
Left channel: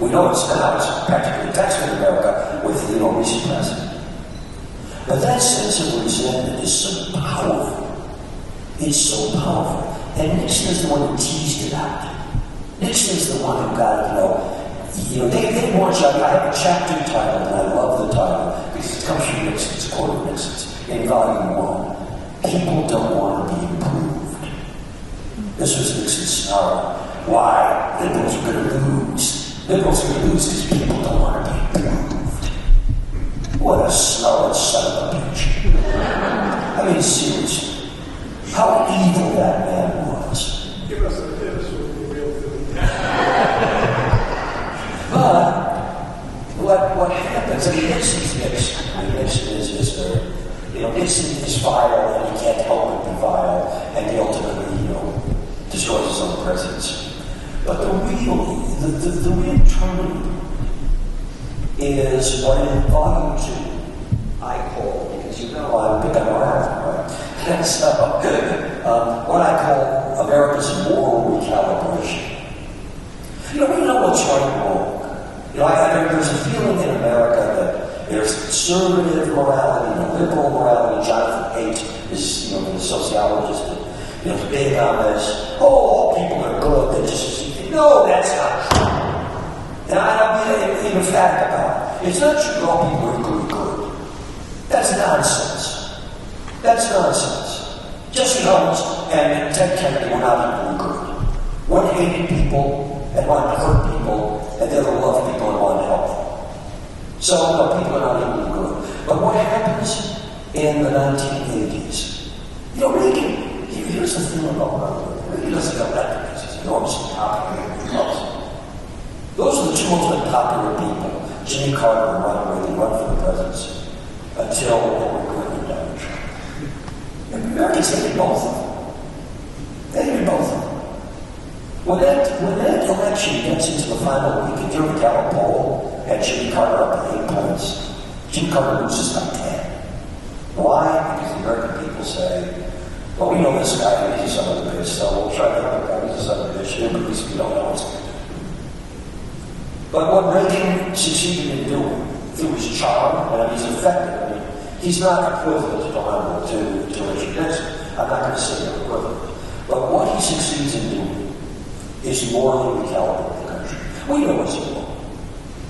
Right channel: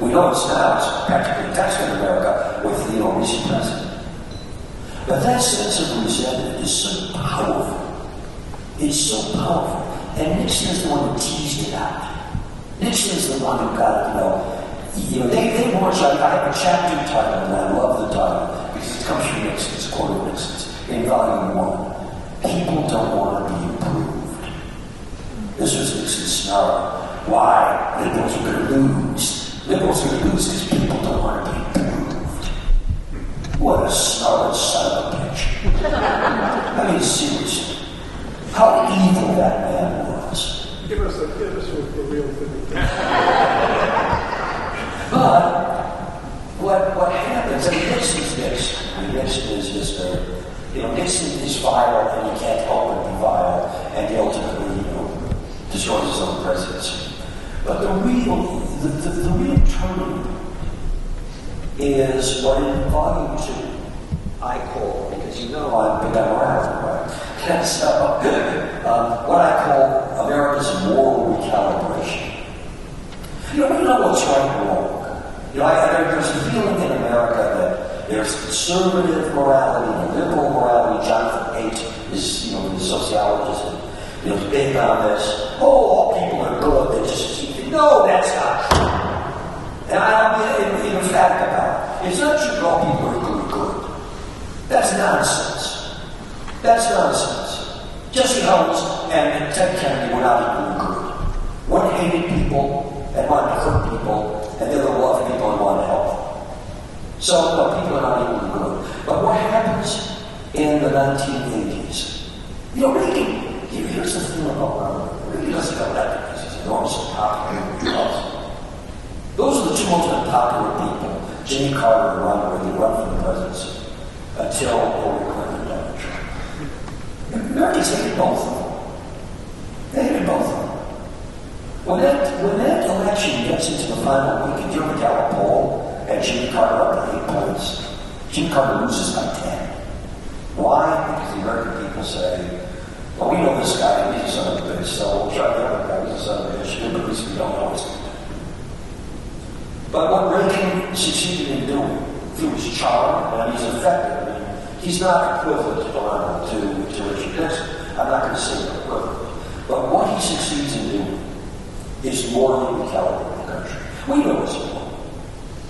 We know it's now, it's practically the text of America with, you know, recent president. But that sense of resentment is so powerful. It's so powerful. And Nixon is the one who teased it out. Nixon is the one who got it, you know, they launched, I have a chapter title, and I love the title, because it comes from Nixon's, quote of Nixon's, in volume 1. People don't want to be improved. This was Nixon's snarl. Why? Liberals are going to lose. Liberals are going to lose because people don't want to be improved. What a snarling son of a bitch. I mean, seriously. How evil that man was. Give us a tips with the real thing. But what happens, I mean, Nixon's Nixon. I mean, Nixon is just you know, Nixon is vile and he can't help but be vile, and he ultimately, you know, destroys his own presidency. But the real turning point is what in volume 2 I call, because you know I'm big on morality, right? And so, what I call America's moral recalibration. You know, we know what's right and wrong. You know, there's a feeling in America that there's conservative morality and liberal morality. Jonathan Haidt is, you know, the sociologist that, you know, is big on this. Oh, all people are good. They just, no, that's not true. And I'm being emphatic about it. It's not true that all people are good. That's nonsense. That's nonsense. Jesse Helms and Ted Kennedy were not equally good. One hated people and one hurt people, and the other loved people and one helped them. So, no, people are not equally good. But what happens in the 1980s? You know, Reagan, here's the thing about Reagan. Reagan doesn't go that because he's enormously popular. He loves them. Those are the two most unpopular people, Jimmy Carter and Ronald Reagan, run for the presidency until Hillary Clinton and Donald Trump. Americans hated both of them. They hated both of them. When that election gets into the final week, and you're the Gallup poll, and Jimmy Carter up to 8 points, Jimmy Carter loses by 10. Why? Because the American people say, well, we know this guy, he's a son of a bitch, so we'll try the other guy, he's a son of a bitch, but at least we don't know what's going to do. But what Reagan succeeded in doing, through his charm, and he's effective, I mean, he's not equivalent to Richard Nixon. I'm not going to say they're equivalent. But what he succeeds in doing is morally recalibrate the country. We know what's wrong.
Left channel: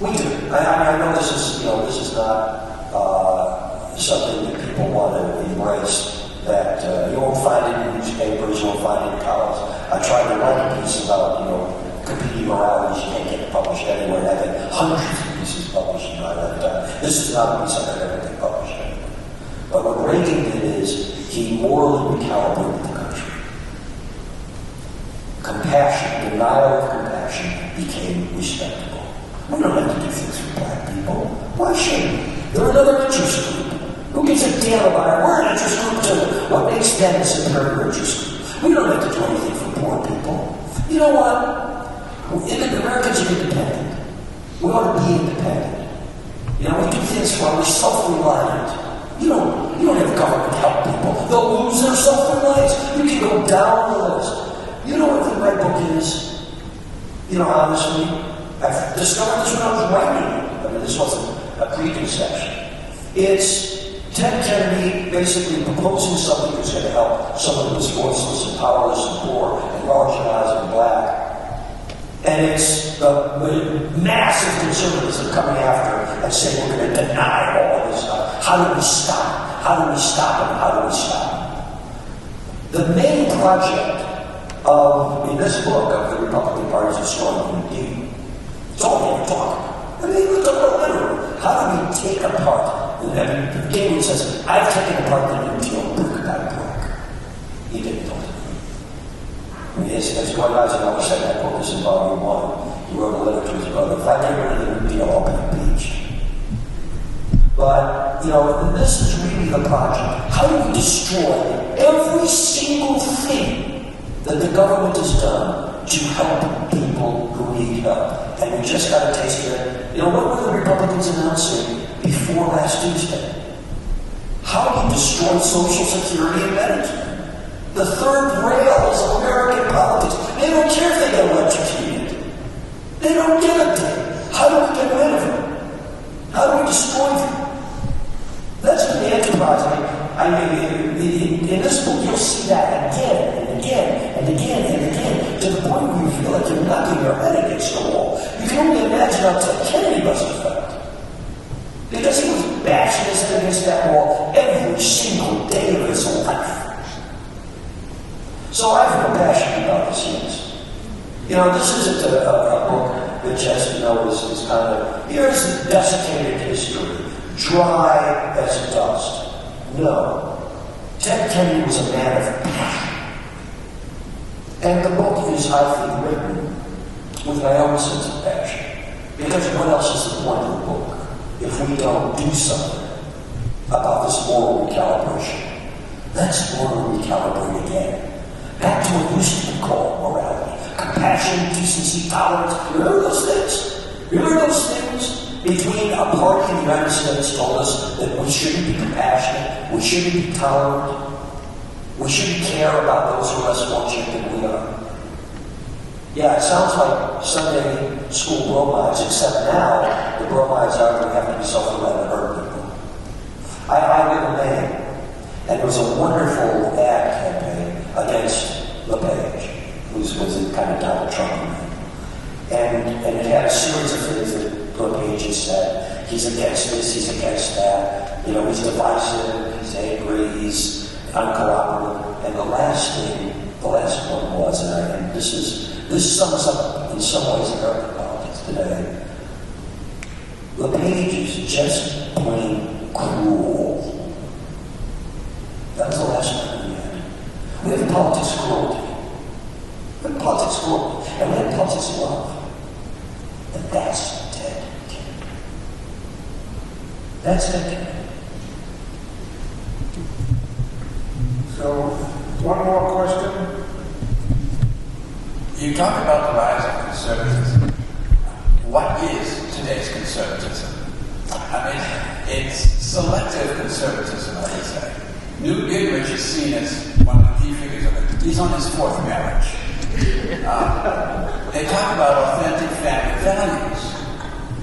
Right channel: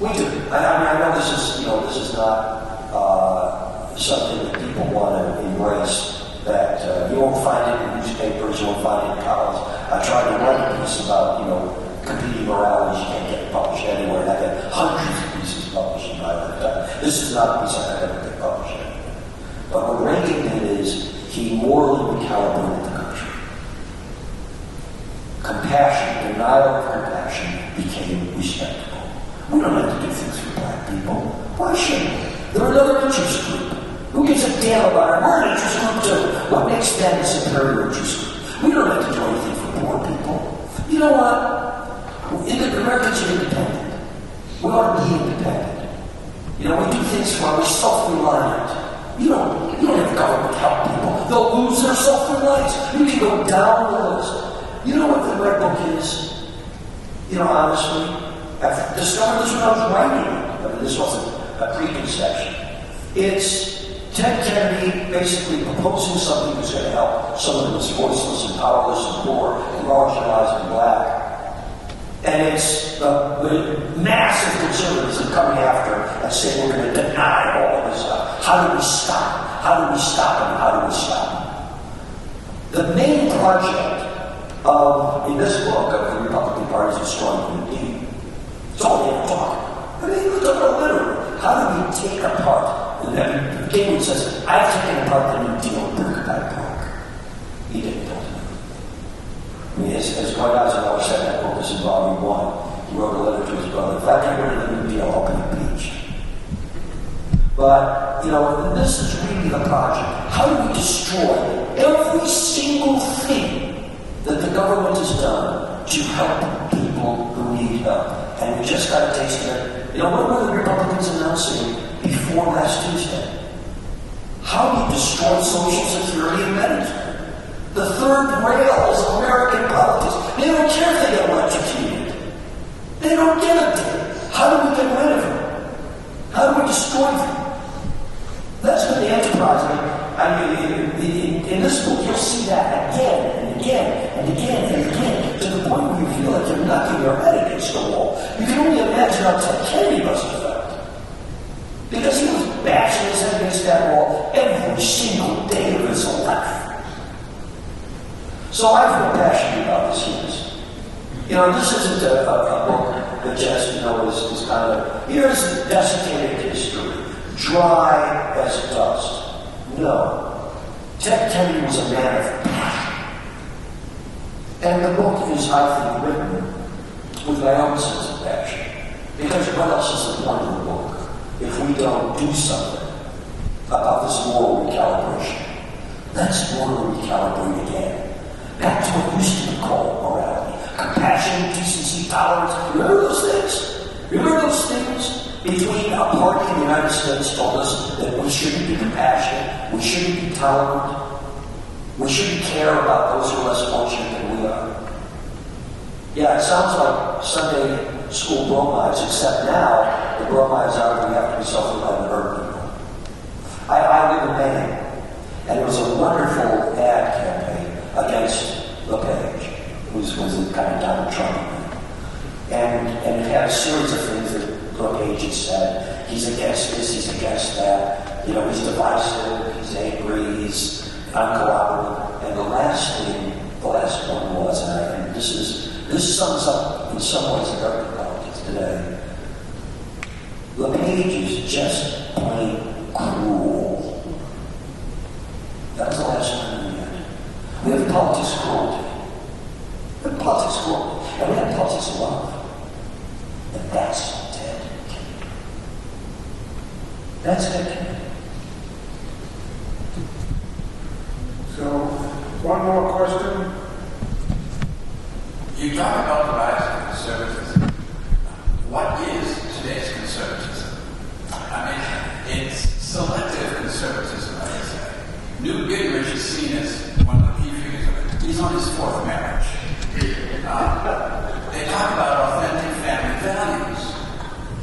We do. I know this is not something that people want to embrace, that you won't find it in newspapers, you won't find it in columns. I tried to write a piece about, competing moralities. You can't get it published anywhere. And I get hundreds of pieces published in my lifetime. This is not a piece I could ever get published anywhere. But what Reagan did is he morally recalibrated the country. Compassion, denial of compassion became respectable. We don't have to do things for black people. Why should we? They're another interest group. Who gives a damn about it? We're an interest group too. What makes them a superior interest group? We don't have to do anything for poor people. You know what? Americans are independent. We ought to be independent. You know, we do things where we're self-reliant. You don't have government help people. They'll lose their self-reliance. You can go down the list. You know what the Red Book is? You know, honestly, I've discovered this when I was writing it. I mean, this wasn't a preconception. It's Ted Kennedy basically proposing something that's going to help someone who's voiceless and powerless and poor and marginalized and black. And it's the massive conservatism coming after and saying we're going to deny all of this stuff. How do we stop? How do we stop it? How do we stop it? The main project in this book of the Republican Party is destroying the deed. It's all they ever talk about. I mean, look at it literally. How do we take apart? And Gabriel says, I've taken apart the New Deal brick by brick. He didn't do it. I mean, as Dwight Eisenhower said in that book, this is volume 1. He wrote a letter to his brother. If I get rid of the New Deal, I'll be impeached. But, you know, this is really the project. How do we destroy every single thing that the government has done to help people who need help? And we just got a taste of it. You know, what were the Republicans announcing before last Tuesday? How we destroyed Social Security and Medicare. The third rails of American politics. They don't care if they get electrocuted. They don't give a damn. How do we get rid of them? How do we destroy them? That's been the enterprise. I mean, in this book, you'll see that again and again and again and again, to the point where you feel like you're knocking your head against the wall. You can only imagine how Ted Kennedy must have felt. Because he was bashing his head against that wall every single day of his life. So I feel passionate about this, yes. You know, this isn't a book that just, you know, is kind of, here's desiccated history, dry as dust. No. Ted Kennedy was a man of passion. And the book is, I think, written with my own sense of passion. Because what else is the point of the book if we don't do something about this moral recalibration? Let's moral recalibrate again. Back to what used to be called morality. Compassion, decency, tolerance. Remember those things? Remember those things? Between a party in the United States told us that we shouldn't be compassionate, we shouldn't be tolerant, we shouldn't care about those who are less fortunate than we are. Yeah, it sounds like Sunday school bromides, except now the bromides are going to have to be self-reliant and hurt people. I knew a man, and it was a wonderful ad campaign against LePage, who was the kind of Donald Trump man. And it had a series of things that LePage had said. He's against this, he's against that. You know, he's divisive, he's angry, he's uncooperative. And the last one was, and this sums up in some ways American politics today. LePage is just plain cruel. That was the last one we had. We have politics of cruelty. We have politics of cruelty. And we have politics of love. And that's Ted Kennedy. That's Ted Kennedy. So, one more question. You talk about the rise of conservatism. What is today's conservatism? I mean, it's selective conservatism, I would say. Newt Gingrich is seen as one of the key figures of it. He's on his 4th marriage. They talk about authentic family values.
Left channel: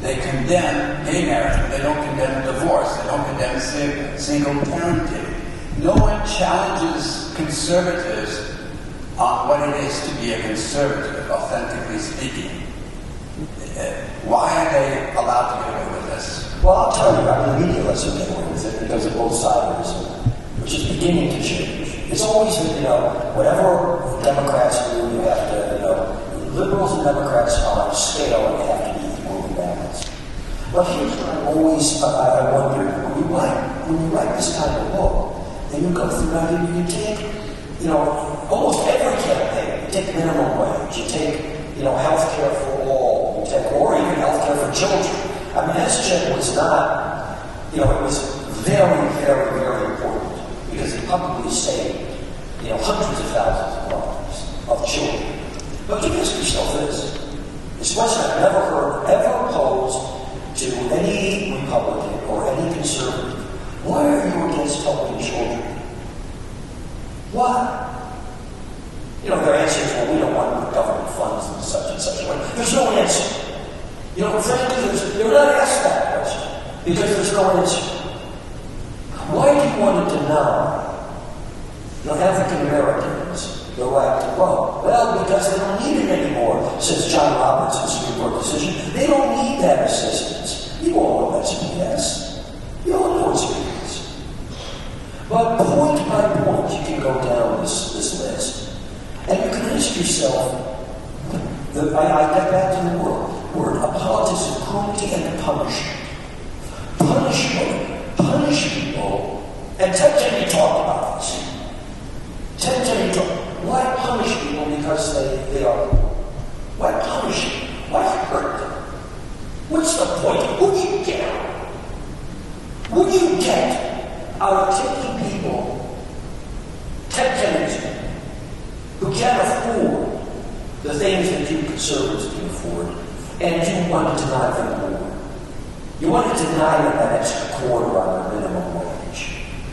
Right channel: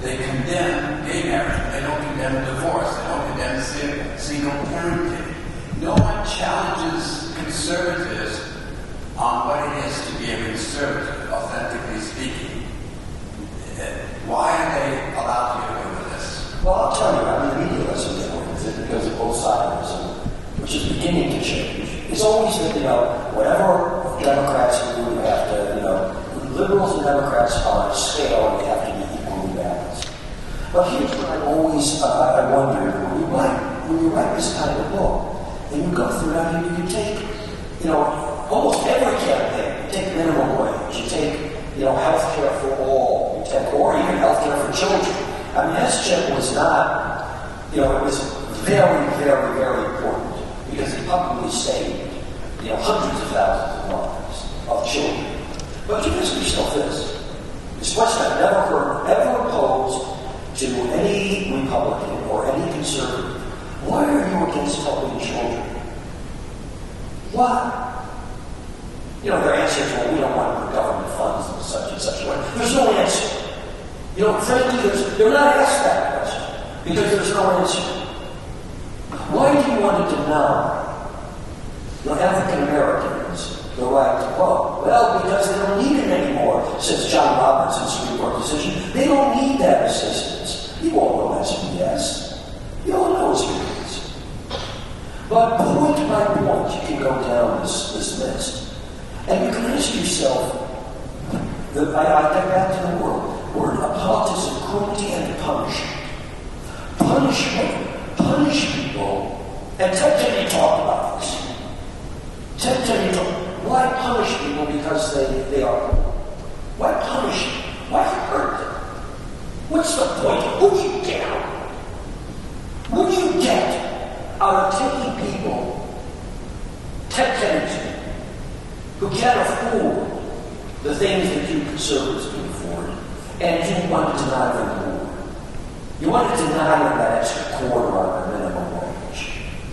They condemn gay marriage, but they don't condemn divorce. They don't condemn single parenting. No one challenges conservatives on what it is to be a conservative, authentically speaking. Why are they allowed to get away with this? Well, I'll tell you, I mean, the media lets them get away with it because of both sides, which is beginning to change. It's always been, you know, whatever Democrats do, you have to, you know, liberals and Democrats are on a scale and they have to be equally balanced. But here's what I always, I wonder, when you write this kind of book, and you go through it, you take, you know, almost every campaign, you take minimum wage, you take, you know, health care for all, you take, or even health care for children. I mean, SCHIP was not, you know, it was very, very, very important because it probably saved, you know, hundreds of thousands of lives of children. But you ask yourself this. This question I've never heard ever opposed to any Republican or any conservative, why are you against helping children? Why? Their answer is, well, we don't want government funds in such and such a way. There's no answer. Frankly, they're not asked that question because there's no answer. Why do you want to deny African Americans the right to vote? Well, because they don't need it anymore since John Robertson's Supreme Court decision. They don't need that assistance. You all know that's BS. You all know it's BS. But point by point, you can go down this list. And you can ask yourself, I get back to the word of politics of cruelty and punishment. Punish people, and Ted Kennedy talked about this. Ted Kennedy talked, why punish people because they are poor? Why punish them? Why hurt them? What's the point? What do you get out of it? What do you get out of taking people, Ted Kennedy, who can't afford the things that you conservatives can afford, and you want to deny them more? You want to deny them that extra quarter on the minimum wage.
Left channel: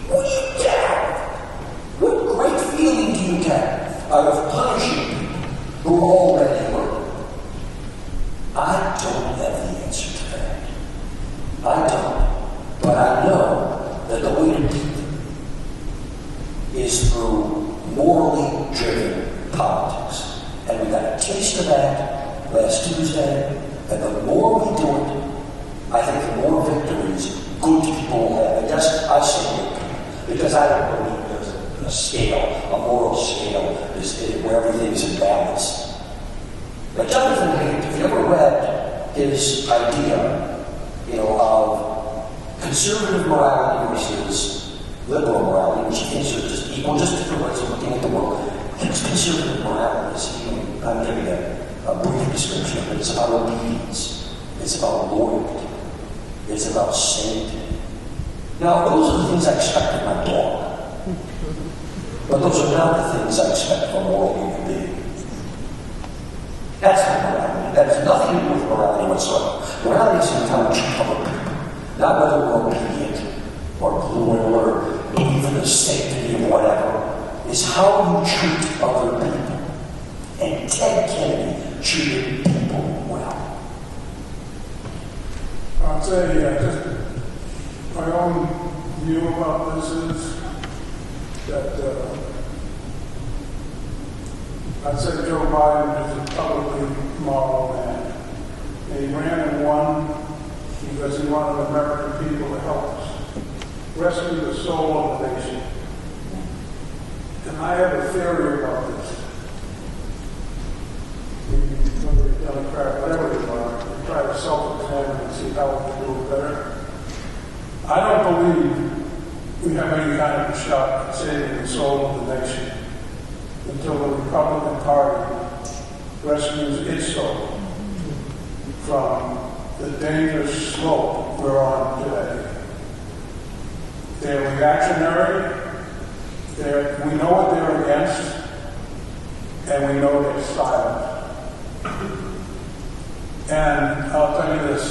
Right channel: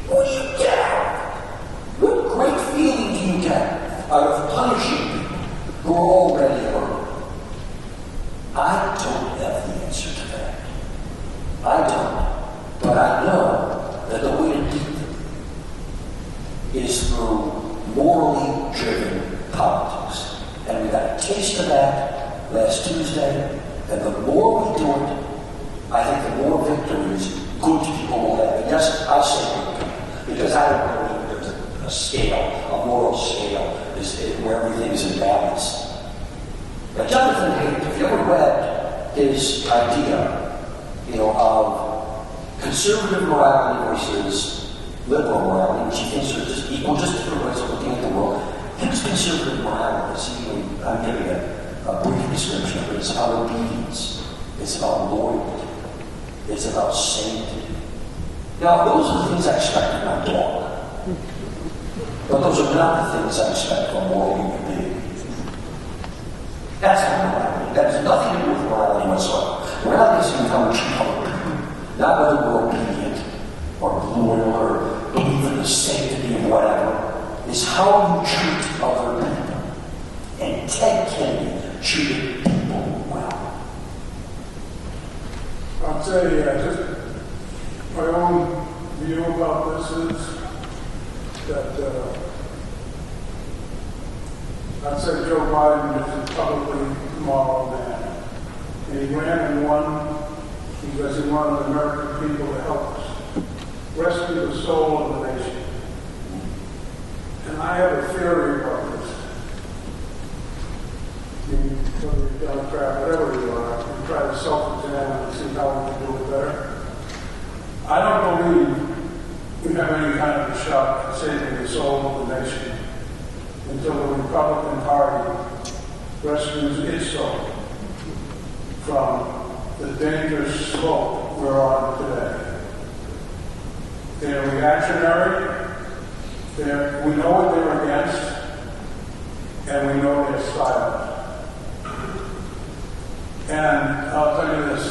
What do you get out of it? What great feeling do you get out of punishing people who are already hurt? I don't have the answer to that. I don't. But I know that the way to beat them is through morally driven politics. And we got a taste of that last Tuesday, and the more we do it, I think the more victories good people will have. And yes, I say good people, because I don't believe there's a scale, a moral scale, where everything's in balance. But Jonathan Haidt, if you ever read his idea, of conservative morality versus liberal morality, which he thinks are just equal, just different ways of looking at the world, his conservative morality is, I'm giving a brief description of it, it's about obedience, it's about loyalty, it's about sanctity. Now, those are the things I expect of my dog. But those are not the things I expect from a moral human being. That's not morality. That has nothing to do with morality whatsoever. Morality is how we treat other people. Not whether we're obedient or loyal or believe in the sanctity of whatever. It's how you treat other people. And Ted Kennedy treated people well. I'll tell you, just my own view about this is that I'd say Joe Biden is a publicly moral man. And he ran and won because he wanted the American people to help us rescue the soul of the nation. And I have a theory about this. Whether you're Democrat, whatever you are, you try to self-examine and see how we can do it better. I don't believe we have any kind of a shot at saving the soul of the nation until the Republican Party rescues its soul from the dangerous slope we're on today. They're reactionary. We know what they're against, and we know they're silent. And I'll tell you this,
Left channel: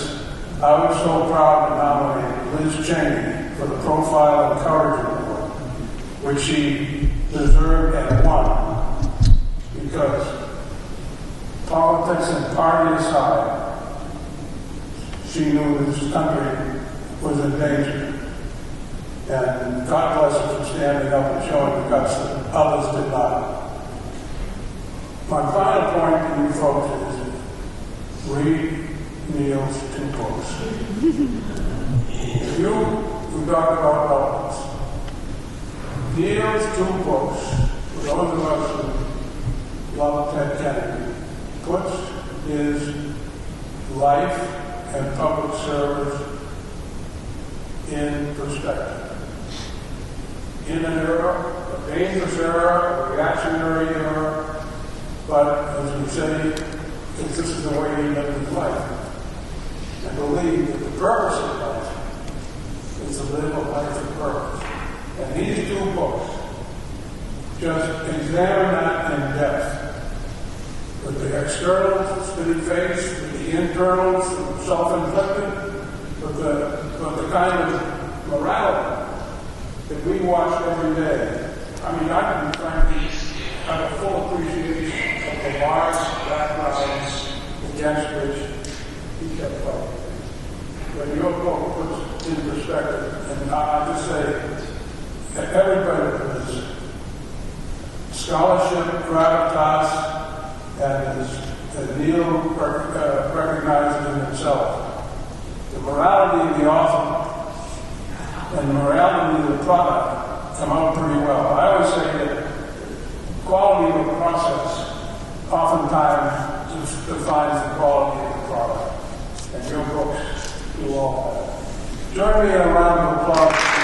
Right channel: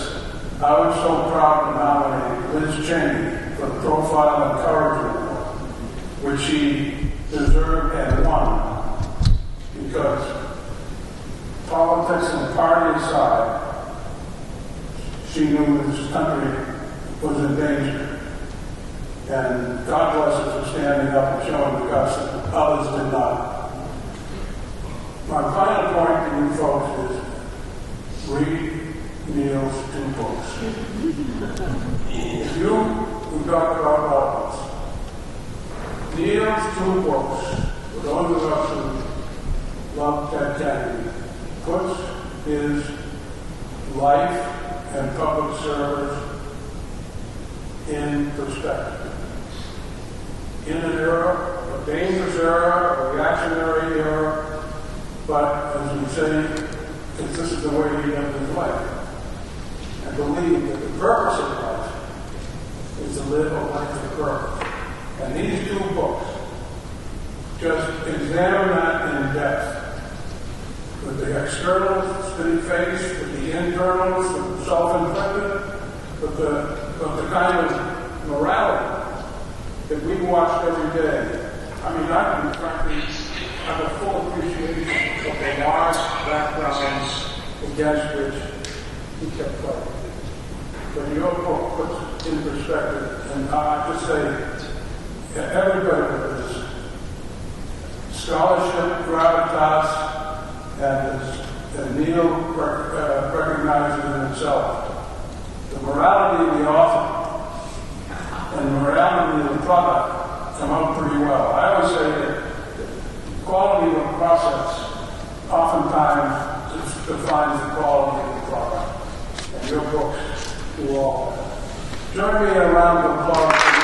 I was so proud to nominate Liz Cheney for the Profile and Courage Award, which she deserved and won, because politics and party aside, she knew this country was in danger. And God bless her for standing up and showing the guts that others did not. My final point to you folks is read Neal's 2 books. If we talked about relevance. Neal's 2 books, for those of us who love Ted Kennedy, puts his life and public service in perspective. In an era, a dangerous era, a reactionary era, but as you say, if this is the way he lived his life, and believe that the purpose of life is to live a life of purpose. And these 2 books just examine that in depth, with the externals that he faced, with the internals, self-inflicted, but the kind of morality that we watch every day. I mean, I can frankly have a full appreciation of the large backgrounds against which he kept fighting. But your book puts in perspective, and I just say that everybody with his scholarship, gravitas, and Neal recognizes in himself the morality of the author and the morality of the product come out pretty well. I always say that the quality of a process oftentimes defines the quality of the product, and your books do all that. Join me in a round of applause.